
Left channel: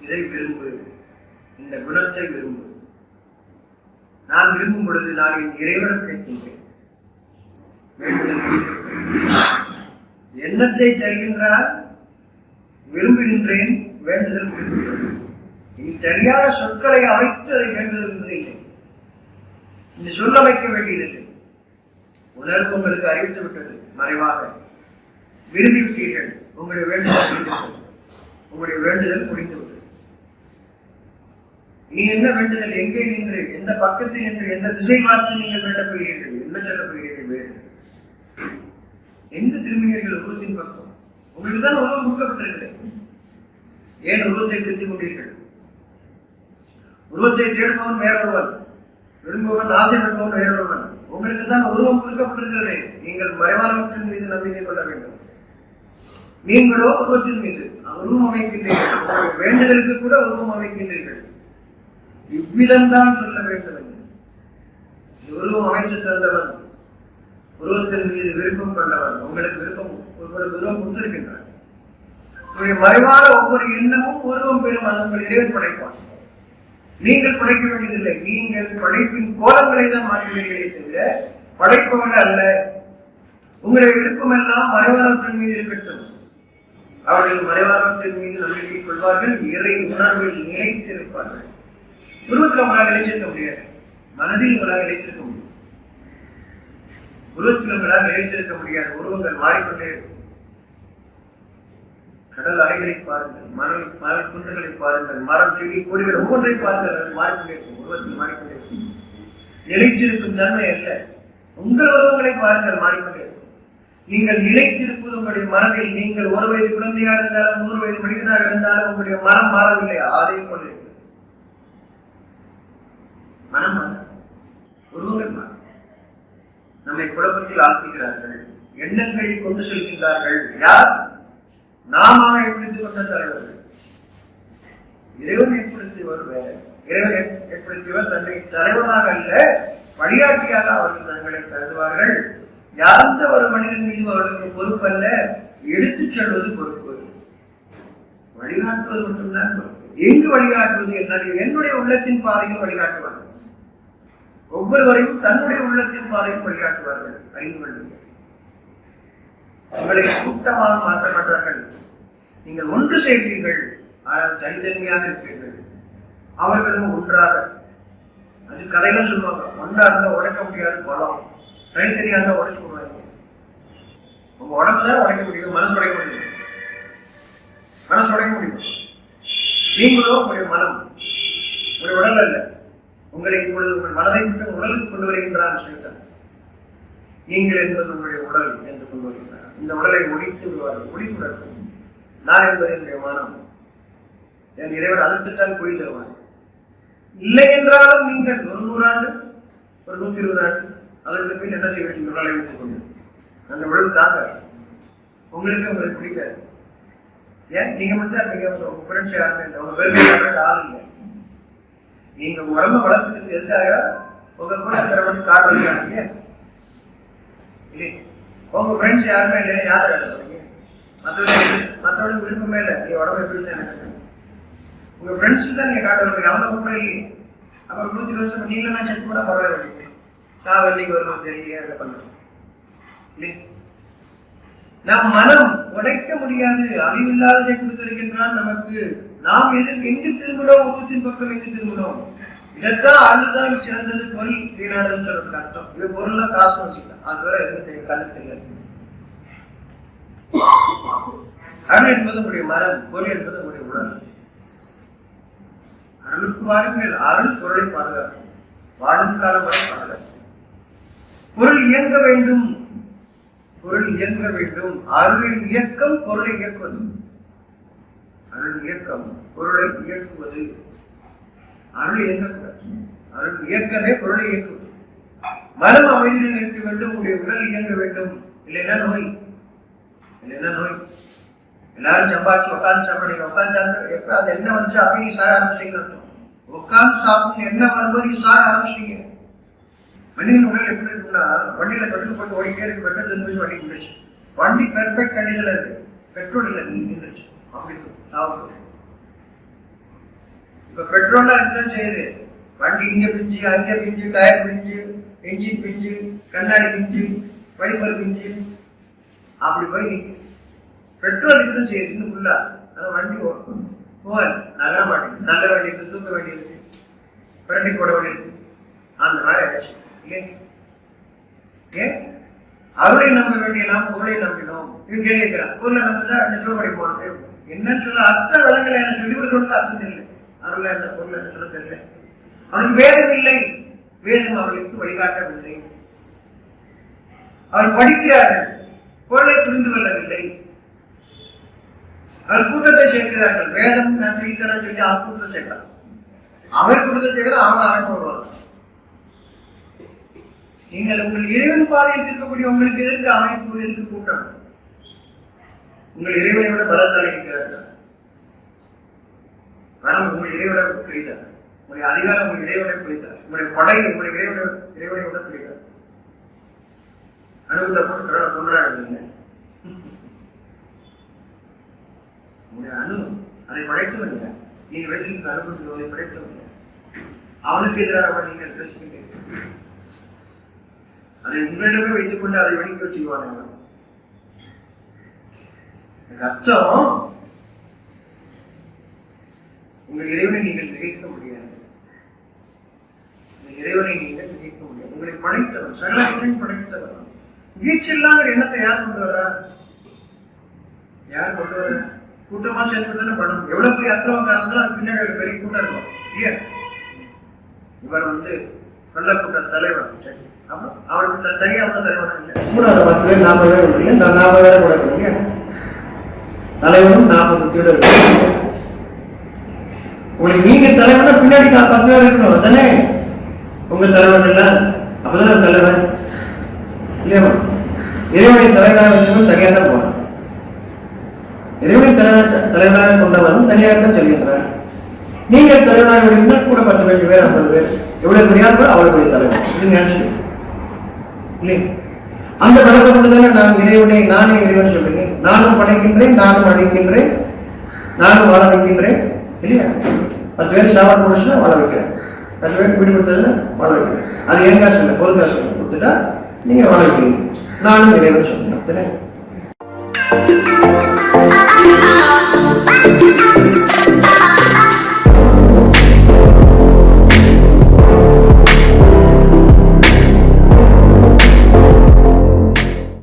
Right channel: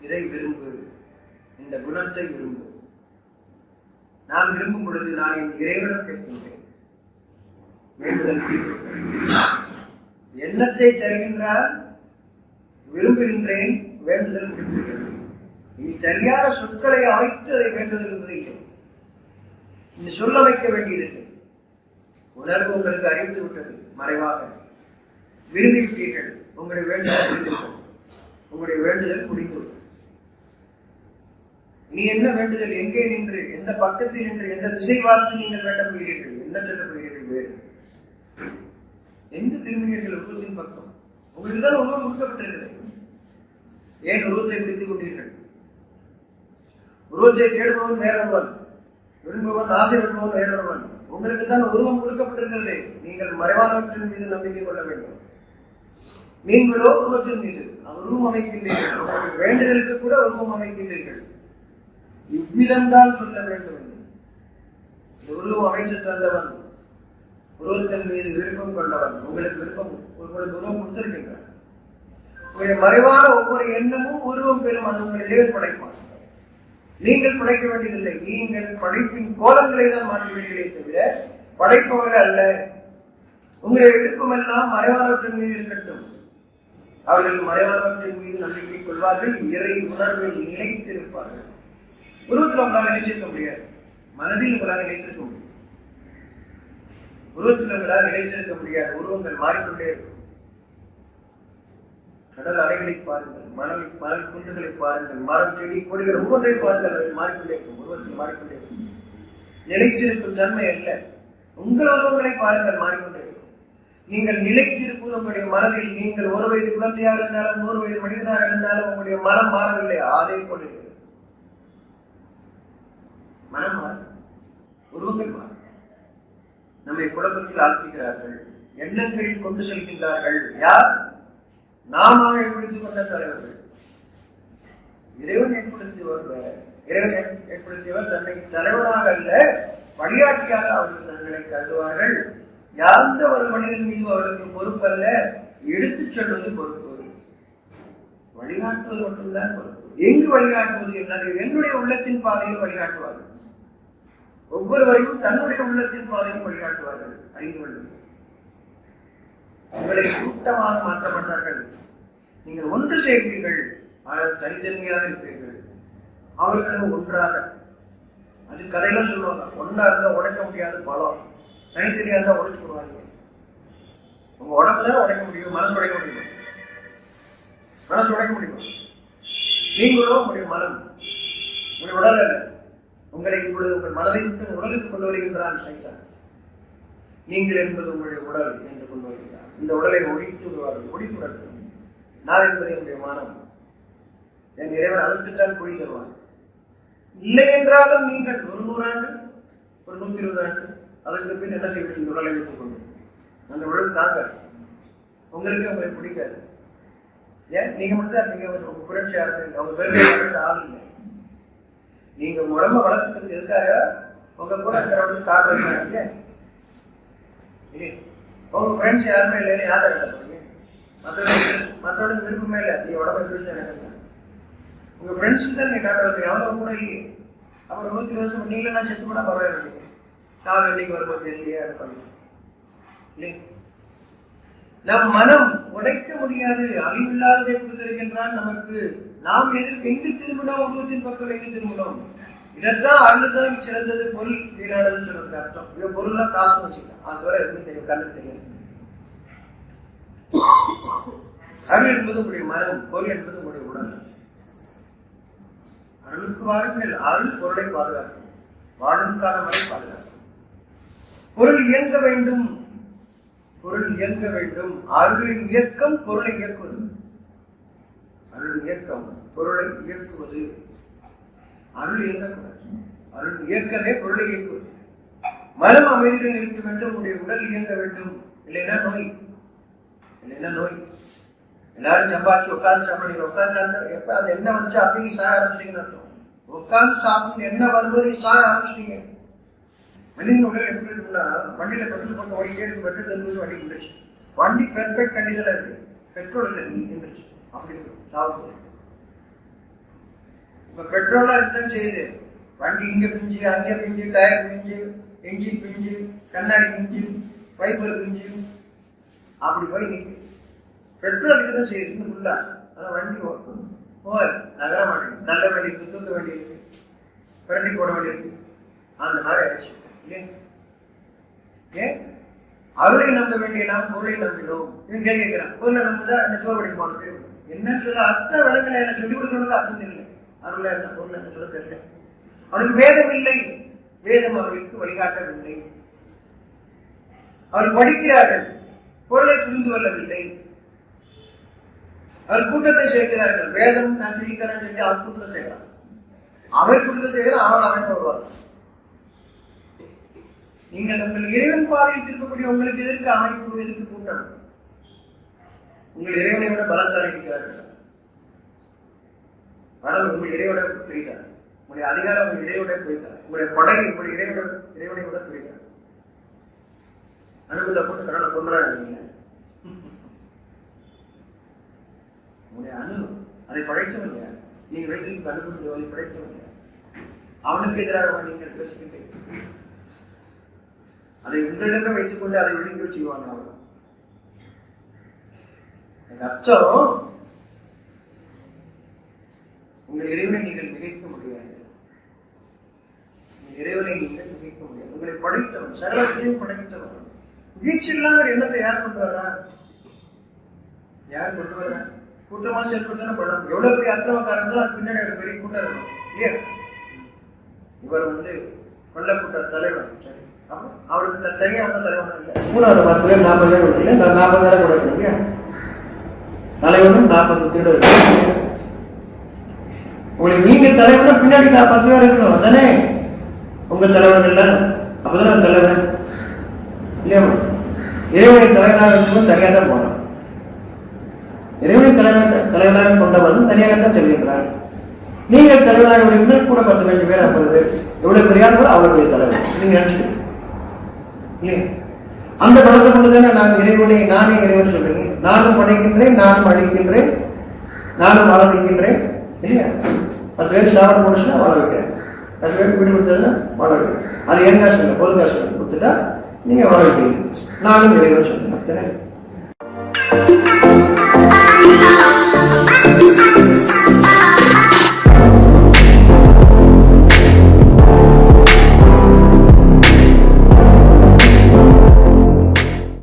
இதை விரும்பு, இந்த குணத்தை விரும்பு. நான் விரும்பும் பொழுது நான் என் இறைவனம் கேட்கின்றேன். வேண்டுதல் எண்ணத்தை தருகின்றார், விரும்புகின்றேன், வேண்டுதல் முடிக்கின்றது. இனி சரியான சொற்களை அமைத்து அதை வேண்டுதல் என்பது இல்லை. இந்த சொல் அமைக்க வேண்டியதில்லை. உணர்வு உங்களுக்கு அறிவித்து விட்டது, மறைவாக விரும்பிவிட்டீர்கள். உங்களுடைய வேண்டுதல் முடிந்துவிட்டது, உங்களுடைய வேண்டுதல் முடிந்துவிட்டது. இனி என்ன வேண்டுதல்? எங்கே நின்று, எந்த பக்கத்தில் நின்று, எந்த திசை பார்த்து நீங்கள் வேண்ட போகிறீர்கள்? என்ன சொல்ல போகிறீர்கள்? வேறு எங்கு திரும்பினீர்கள்? உருவத்தின் பக்கம். உங்களுக்கு தான் உருவம் கொடுக்கப்பட்டிருக்கிறது. ஏன் உருவத்தை பிடித்துக் கொண்டீர்கள்? உருவத்தை தேடுபவன் வேறொருவன், விரும்புவன், ஆசைப்படுபவன் வேறொருவன். உங்களுக்கு தான் உருவம் கொடுக்கப்பட்டிருக்கிறது. நீங்கள் மறைவானவற்றின் மீது நம்பிக்கை கொள்ள வேண்டும். நீங்களோ உருவத்தின் மீது உருவம் அமைக்கின்றீர்கள். உங்களுடைய வேண்டுதலுக்கு கூட உருவம் அமைக்கின்றீர்கள். இவ்விதம்தான் சொல்ல வேண்டும் என்று உருவம் அமைத்து தந்தவன், உருவத்தின் மீது விருப்பம் கொண்டவன், உங்களுக்கு விருப்பம், உங்களுக்கு உருவம் கொடுத்திருக்கின்றான். உங்களுடைய மறைவான ஒவ்வொரு எண்ணமும் உருவம் பெறும். அது உங்கள் இறைவன் படைப்பான். நீங்கள் படைக்க வேண்டியதில்லை. நீங்கள் படைப்பின் கோலங்களை தான் மாற்றுவீர்களே தவிர படைப்பவர்கள் அல்ல. உங்களுடைய விருப்பம் எல்லாம் மறைவானவற்றின் மீது இருக்கட்டும். அவர்கள் மறைவானவற்றின் மீது நம்பிக்கை கொள்வார்கள், இறை உணர்வில் நிலைத்திருப்பார்கள். உருவத்தில் உங்களால் நிலைச்சிருக்க முடியாது, மனதில் உங்களால் நிலைத்திருக்க முடியும். உருவத்தில் உங்களால் நிலைத்திருக்க முடியாது. உருவங்கள் மாறிக்கொண்டே இருக்கும். கடல் அலைகளை பாருங்கள், மணல் குன்றுகளை பாருங்கள், மரம், செடி, கொடிகள் ஒவ்வொன்றை பாருங்கள், அது மாறிக்கொண்டே இருக்கும். உருவத்தில் மாறிக்கொண்டே இருக்கும். நிலைத்திருக்கும் தன்மை அல்ல. உங்கள் உருவங்களை பாருங்கள், மாறிக்கொண்டே இருக்கும். நீங்கள் நிலைத்திருப்பது உங்களுடைய மனதில். நீங்கள் 1 வயது குழந்தையாக இருந்தாலும் 100 வயது மனிதனாக இருந்தாலும் உங்களுடைய மனம் மாறவில்லை, அதே போல இருக்கிறது. மனம் மாற, உருவங்கள் மாற. நம்மை குழப்பத்தில் ஆழ்த்துகிறார்கள், எண்ணங்களில் கொண்டு செல்கின்றார்கள். யார்? நாம ஏற்படுத்திக் கொண்ட தலைவர்கள். இறைவன் ஏற்படுத்தியவர் வேற. இறைவன் ஏற்படுத்தியவர் தன்னை தலைவனாக அல்ல, வழிகாட்டியாக அவர்கள் தங்களை கருதுவார்கள். எந்த ஒரு மனிதன் மீது அவர்களுக்கு பொறுப்பு அல்ல, எடுத்துச் செல்வது பொறுப்பு, வழிகாட்டுவது மட்டும்தான் பொறுப்பு. எங்கு வழிகாட்டுவது? என்னுடைய உள்ளத்தின் பாதையில் வழிகாட்டுவார்கள். ஒவ்வொருவரையும் தன்னுடைய உள்ளத்தின் பாதையில் வழிகாட்டுவார்கள். அறிந்து கொள்ளுங்கள். உங்களை கூட்டமாக மாற்ற மாட்டார்கள். நீங்கள் ஒன்று சேர்ப்பீர்கள், ஆனால் தனித்தன்மையாக இருப்பீர்கள். அவர்களும் ஒன்றாக. அது கதையில சொல்லுவாங்க, ஒன்றா இருந்தா உடைக்க முடியாது பலம், தனித்தனியாக இருந்தா உடைச்சு போடுவாங்க. உங்க உடம்புதான் உடைக்க முடியும், மனசு உடைக்க முடியும். மனசு உடைக்க முடியும். நீங்களோ உங்களுடைய மனம், உங்களுடைய உடல் அல்ல. உங்களை இப்பொழுது உங்கள் மனதை விட்டு உடலுக்கு கொண்டு வருகின்றான் சைத்தான். நீங்கள் என்பது உங்களுடைய உடல் என்று கொண்டு வருகிறார். இந்த உடலை ஒழித்து விடுவார்கள், ஒழித்து விடட்டும். நான் என்பது என்னுடைய மனம், என் இறைவன் அதற்குத்தான் பொய் தருவான். இல்லை என்றாலும் நீங்கள் ஒரு 100 ஆண்டு, ஒரு 120 ஆண்டு, அதற்கு பின் என்ன செய்வீர்கள்? உடலை வைத்துக் கொண்டு அந்த உடல் தாங்க உங்களுக்கு பிடிக்காது. ஏன் நீங்க மட்டும் தான் இருப்பீங்க, உங்க புரட்சி யாருமே இல்லை, உங்க பெருமை ஆள் இல்லை. நீங்க உடம்ப வளர்த்துக்கிறது எதுக்காக? உங்க கூட இருக்கிறவனுக்கு காட்டுறதுக்காக இல்லையா? இல்லையே, உங்க ஃப்ரெண்ட்ஸ் யாருமே இல்லைன்னு யாரை காட்ட போறீங்க? மற்றவனுக்கு விருப்பமே இல்லை. நீ உடம்பு எப்படி தான் எனக்கு உங்க ஃப்ரெண்ட்ஸுக்கு தான் நீங்க காட்ட வருவீங்க, அவனுக்கு கூட இல்லையே. அப்புறம் 120 வருஷம் நீங்களும் நான் செத்து கூட பரவாயில்லை, நான் வெள்ளிக்கு வரும்போது தெரியலையே அதை பண்ணுறோம் இல்லையே. நம் மனம் உடைக்க முடியாது, அழிவில்லாததை கொடுத்திருக்கின்றான் நமக்கு. நாம் எங்கு திரும்பினோம்? உருவத்தின் பக்கம் எங்கு திரும்பினோம்? இதைத்தான் அருள்தான் சிறந்தது, பொருள் வீணானதுன்னு சொல்றதுக்கு அர்த்தம். இவ பொருள்லாம் காசு வச்சுக்கலாம், அது வரை எதுவும் தெரியும், கண்ணு தெரியாது. அருள் என்பது உங்களுடைய மனம், பொருள் என்பது உங்களுடைய உடல். அருளுக்கு வாருங்கள். அருள் பொருளை பாதுகாக்கும், வாழும் காலம் வரை பாதுகாக்கும். பொருள் இயங்க வேண்டும், பொருள் இயங்க வேண்டும். அருளின் இயக்கம் பொருளை இயக்குவது, அருள் இயக்கம் பொருளை இயக்குவது. அருள் இயங்கக்கூடாது, அருள் இயக்கமே பொருளை இயக்குவது. மனம் அமைதியுடன் இருக்க வேண்டும், உடைய உடல் இயங்க வேண்டும். இல்லைன்னா நோய், இல்லைன்னா நோய். எல்லாரும் சம்பாதிச்சு உட்காந்து சாப்பிடுறீங்க, உட்காந்து சாப்பிட்டு எப்ப அது என்ன வந்துச்சு அப்படி நீ சாக ஆரம்பிச்சிட்டீங்கன்னு அர்த்தம். உட்காந்து சாப்பிடணும் என்ன வரும்போது நீ சாக ஆரம்பிச்சிட்டீங்க. மனிதன் உடல் எப்படி இருக்குன்னா, வண்டியில பெட்ரோல் போட்டு ஓடிக்கிட்டே இருக்கு, பெட்ரோல் தெரிஞ்சு வண்டி நின்றுச்சு, வண்டி பெர்ஃபெக்ட் கண்டிஷன்ல இருக்கு, பெட்ரோல் இல்லை நின்றுச்சு, அப்படி இருக்கும் சாப்பிட்டு. இப்ப பெட்ரோலா இருக்குதான் செய்யுது, வண்டி இங்க பிஞ்சு அங்கே பிஞ்சு, டயர் பிஞ்சு, என்ஜின் பிஞ்சு, கண்ணாடி பிஞ்சு, வைப்பர் பிஞ்சு, அப்படி போய் நிற்கு. பெட்ரோல் இருக்குதான் செய்யுது இன்னும் ஃபுல்லா, ஆனால் வண்டி போகல, நகர மாட்டேங்குது. நல்ல வண்டி இருக்கு, தூக்க வேண்டி இருக்கு, பிரண்டி போட வேண்டி இருக்கு, அந்த மாதிரி ஆயிடுச்சு இல்லையே. ஏன் அருளை நம்ப வேண்டிய நாம் பொருளை நம்பினோம். இவன் கேள்வி கேட்கிறான், பொருளை நம்பதான் என்ன சோறு படிக்க போனது என்னன்னு சொல்ல அர்த்தம் விளங்கலை, என்ன சொல்லிக் கொடுக்கறதுக்கு அர்த்தம் தெரியல. அருளை என்ன பொருள் என்ன சொல்ல தெரியல. அவனுக்கு வேதம் இல்லை, வேதம் அவர்களுக்கு வழிகாட்டவில்லை. அவர் படிக்கிறார்கள், பொருளை புரிந்து கொள்ளவில்லை. அவர் கூட்டத்தை சேர்க்கிறார்கள், வேதம் நான் சொல்லித்தரேன்னு சொல்லி அவர் கூட்டத்தை சேர்க்கிறான். அவர் கூட்டத்தை சேர்க்கிறான், அவன் அமைப்பு வருவாங்க. நீங்கள் உங்கள் இறைவன் பாதையில் திருப்பக்கூடிய உங்களுக்கு எதற்கு அமைப்பு, எதற்கு கூட்டம்? உங்கள் இறைவனை விட பலசாலி இருக்கிறார்கள். ஆனால் உங்கள் இறைவனை புரிந்தார், உங்களுடைய அதிகாரம் உங்கள் இறைவனை புரிந்தார், உங்களுடைய படை உங்களுடைய இறைவனை விட புரிந்தார். அனுபவத்தை போட்டு கடனை கொண்டாடுறீங்க. உங்களுடைய அணு அதை படைத்தவன் யார்? நீங்க வைத்திருக்கிற அனுபவத்தை அதை படைத்தவன் யார்? அவனுக்கு எதிராக நீங்கள் பேசுகின்றீர்கள். அதை உங்களிடமே வைத்துக் கொண்டு அதை வெடிக்க செய்வான் அவன். அர்த்தம், உங்கள் இறைவனை நீங்கள் நிகழ்க்க முடியாது. இறைவனை நீங்கள் நிகழ்க்க முடியாது. உங்களை படைத்தவன், சகலத்தையும் படைத்தவன். வீச்சில்லாத எண்ணத்தை யார் கொண்டு வர்றா? யார் கொண்டு வர்ற? கூட்டமா சேர்ந்து படம். எவ்வளவு பெரிய அக்கிரமக்காரன் இருந்தாலும் பின்னாடி ஒரு பெரிய கூட்டம் இருக்கும் இல்லையா? இவர் கொல்லக்கூட்ட தலைவன், அப்புறம் அவருக்கு தனியா வந்த தலைவனா இல்லை, 3 பேர் 40 பேர் இல்லை, நான் 40 பேரை கூட இருக்கணும் இல்லையா? தலைவனும் 40 திருடர்கள். உங்களுக்கு நீங்க தலைவனா பின்னாடி 10 பேர் இருக்கணும், அதுதானே உங்க தலைவன் இல்லை? அப்பதானே தலைவன் இல்லையா? இறைவனை தலைவனாக வச்சவன் தனியாக தான் போனான். இறைவனை தலைவனாக கொண்டவன் தனியாகத்தான் செல்கின்றார். நீங்கள் தலைவனாக விடுங்கள், கூட 10 பேர் 50 பேர், எவ்வளவு பெரிய ஆள் கூட அவ்வளவு பெரிய தலைவன். இது நினைச்சு இல்லையா? அந்த பலத்தை கொண்டுதானே நான் இறைவனை நானே இறைவன் சொல்றீங்க. நானும் படைக்கின்றேன், நானும் அழிக்கின்றேன், நானும் வாழ வைக்கின்றேன் இல்லையா? 10 பேர் சாப்பாடு முடிச்சுன்னா வாழ வைக்கிறேன், 10 பேருக்கு வீடு கொடுத்ததுன்னா வாழ வைக்கிறேன். அது என் காசு இல்லை, பொருள் காசு கொடுத்துட்டா நீங்க வாழ வைக்கிறீங்க. நானும் இறைவன் சொல்றேன்.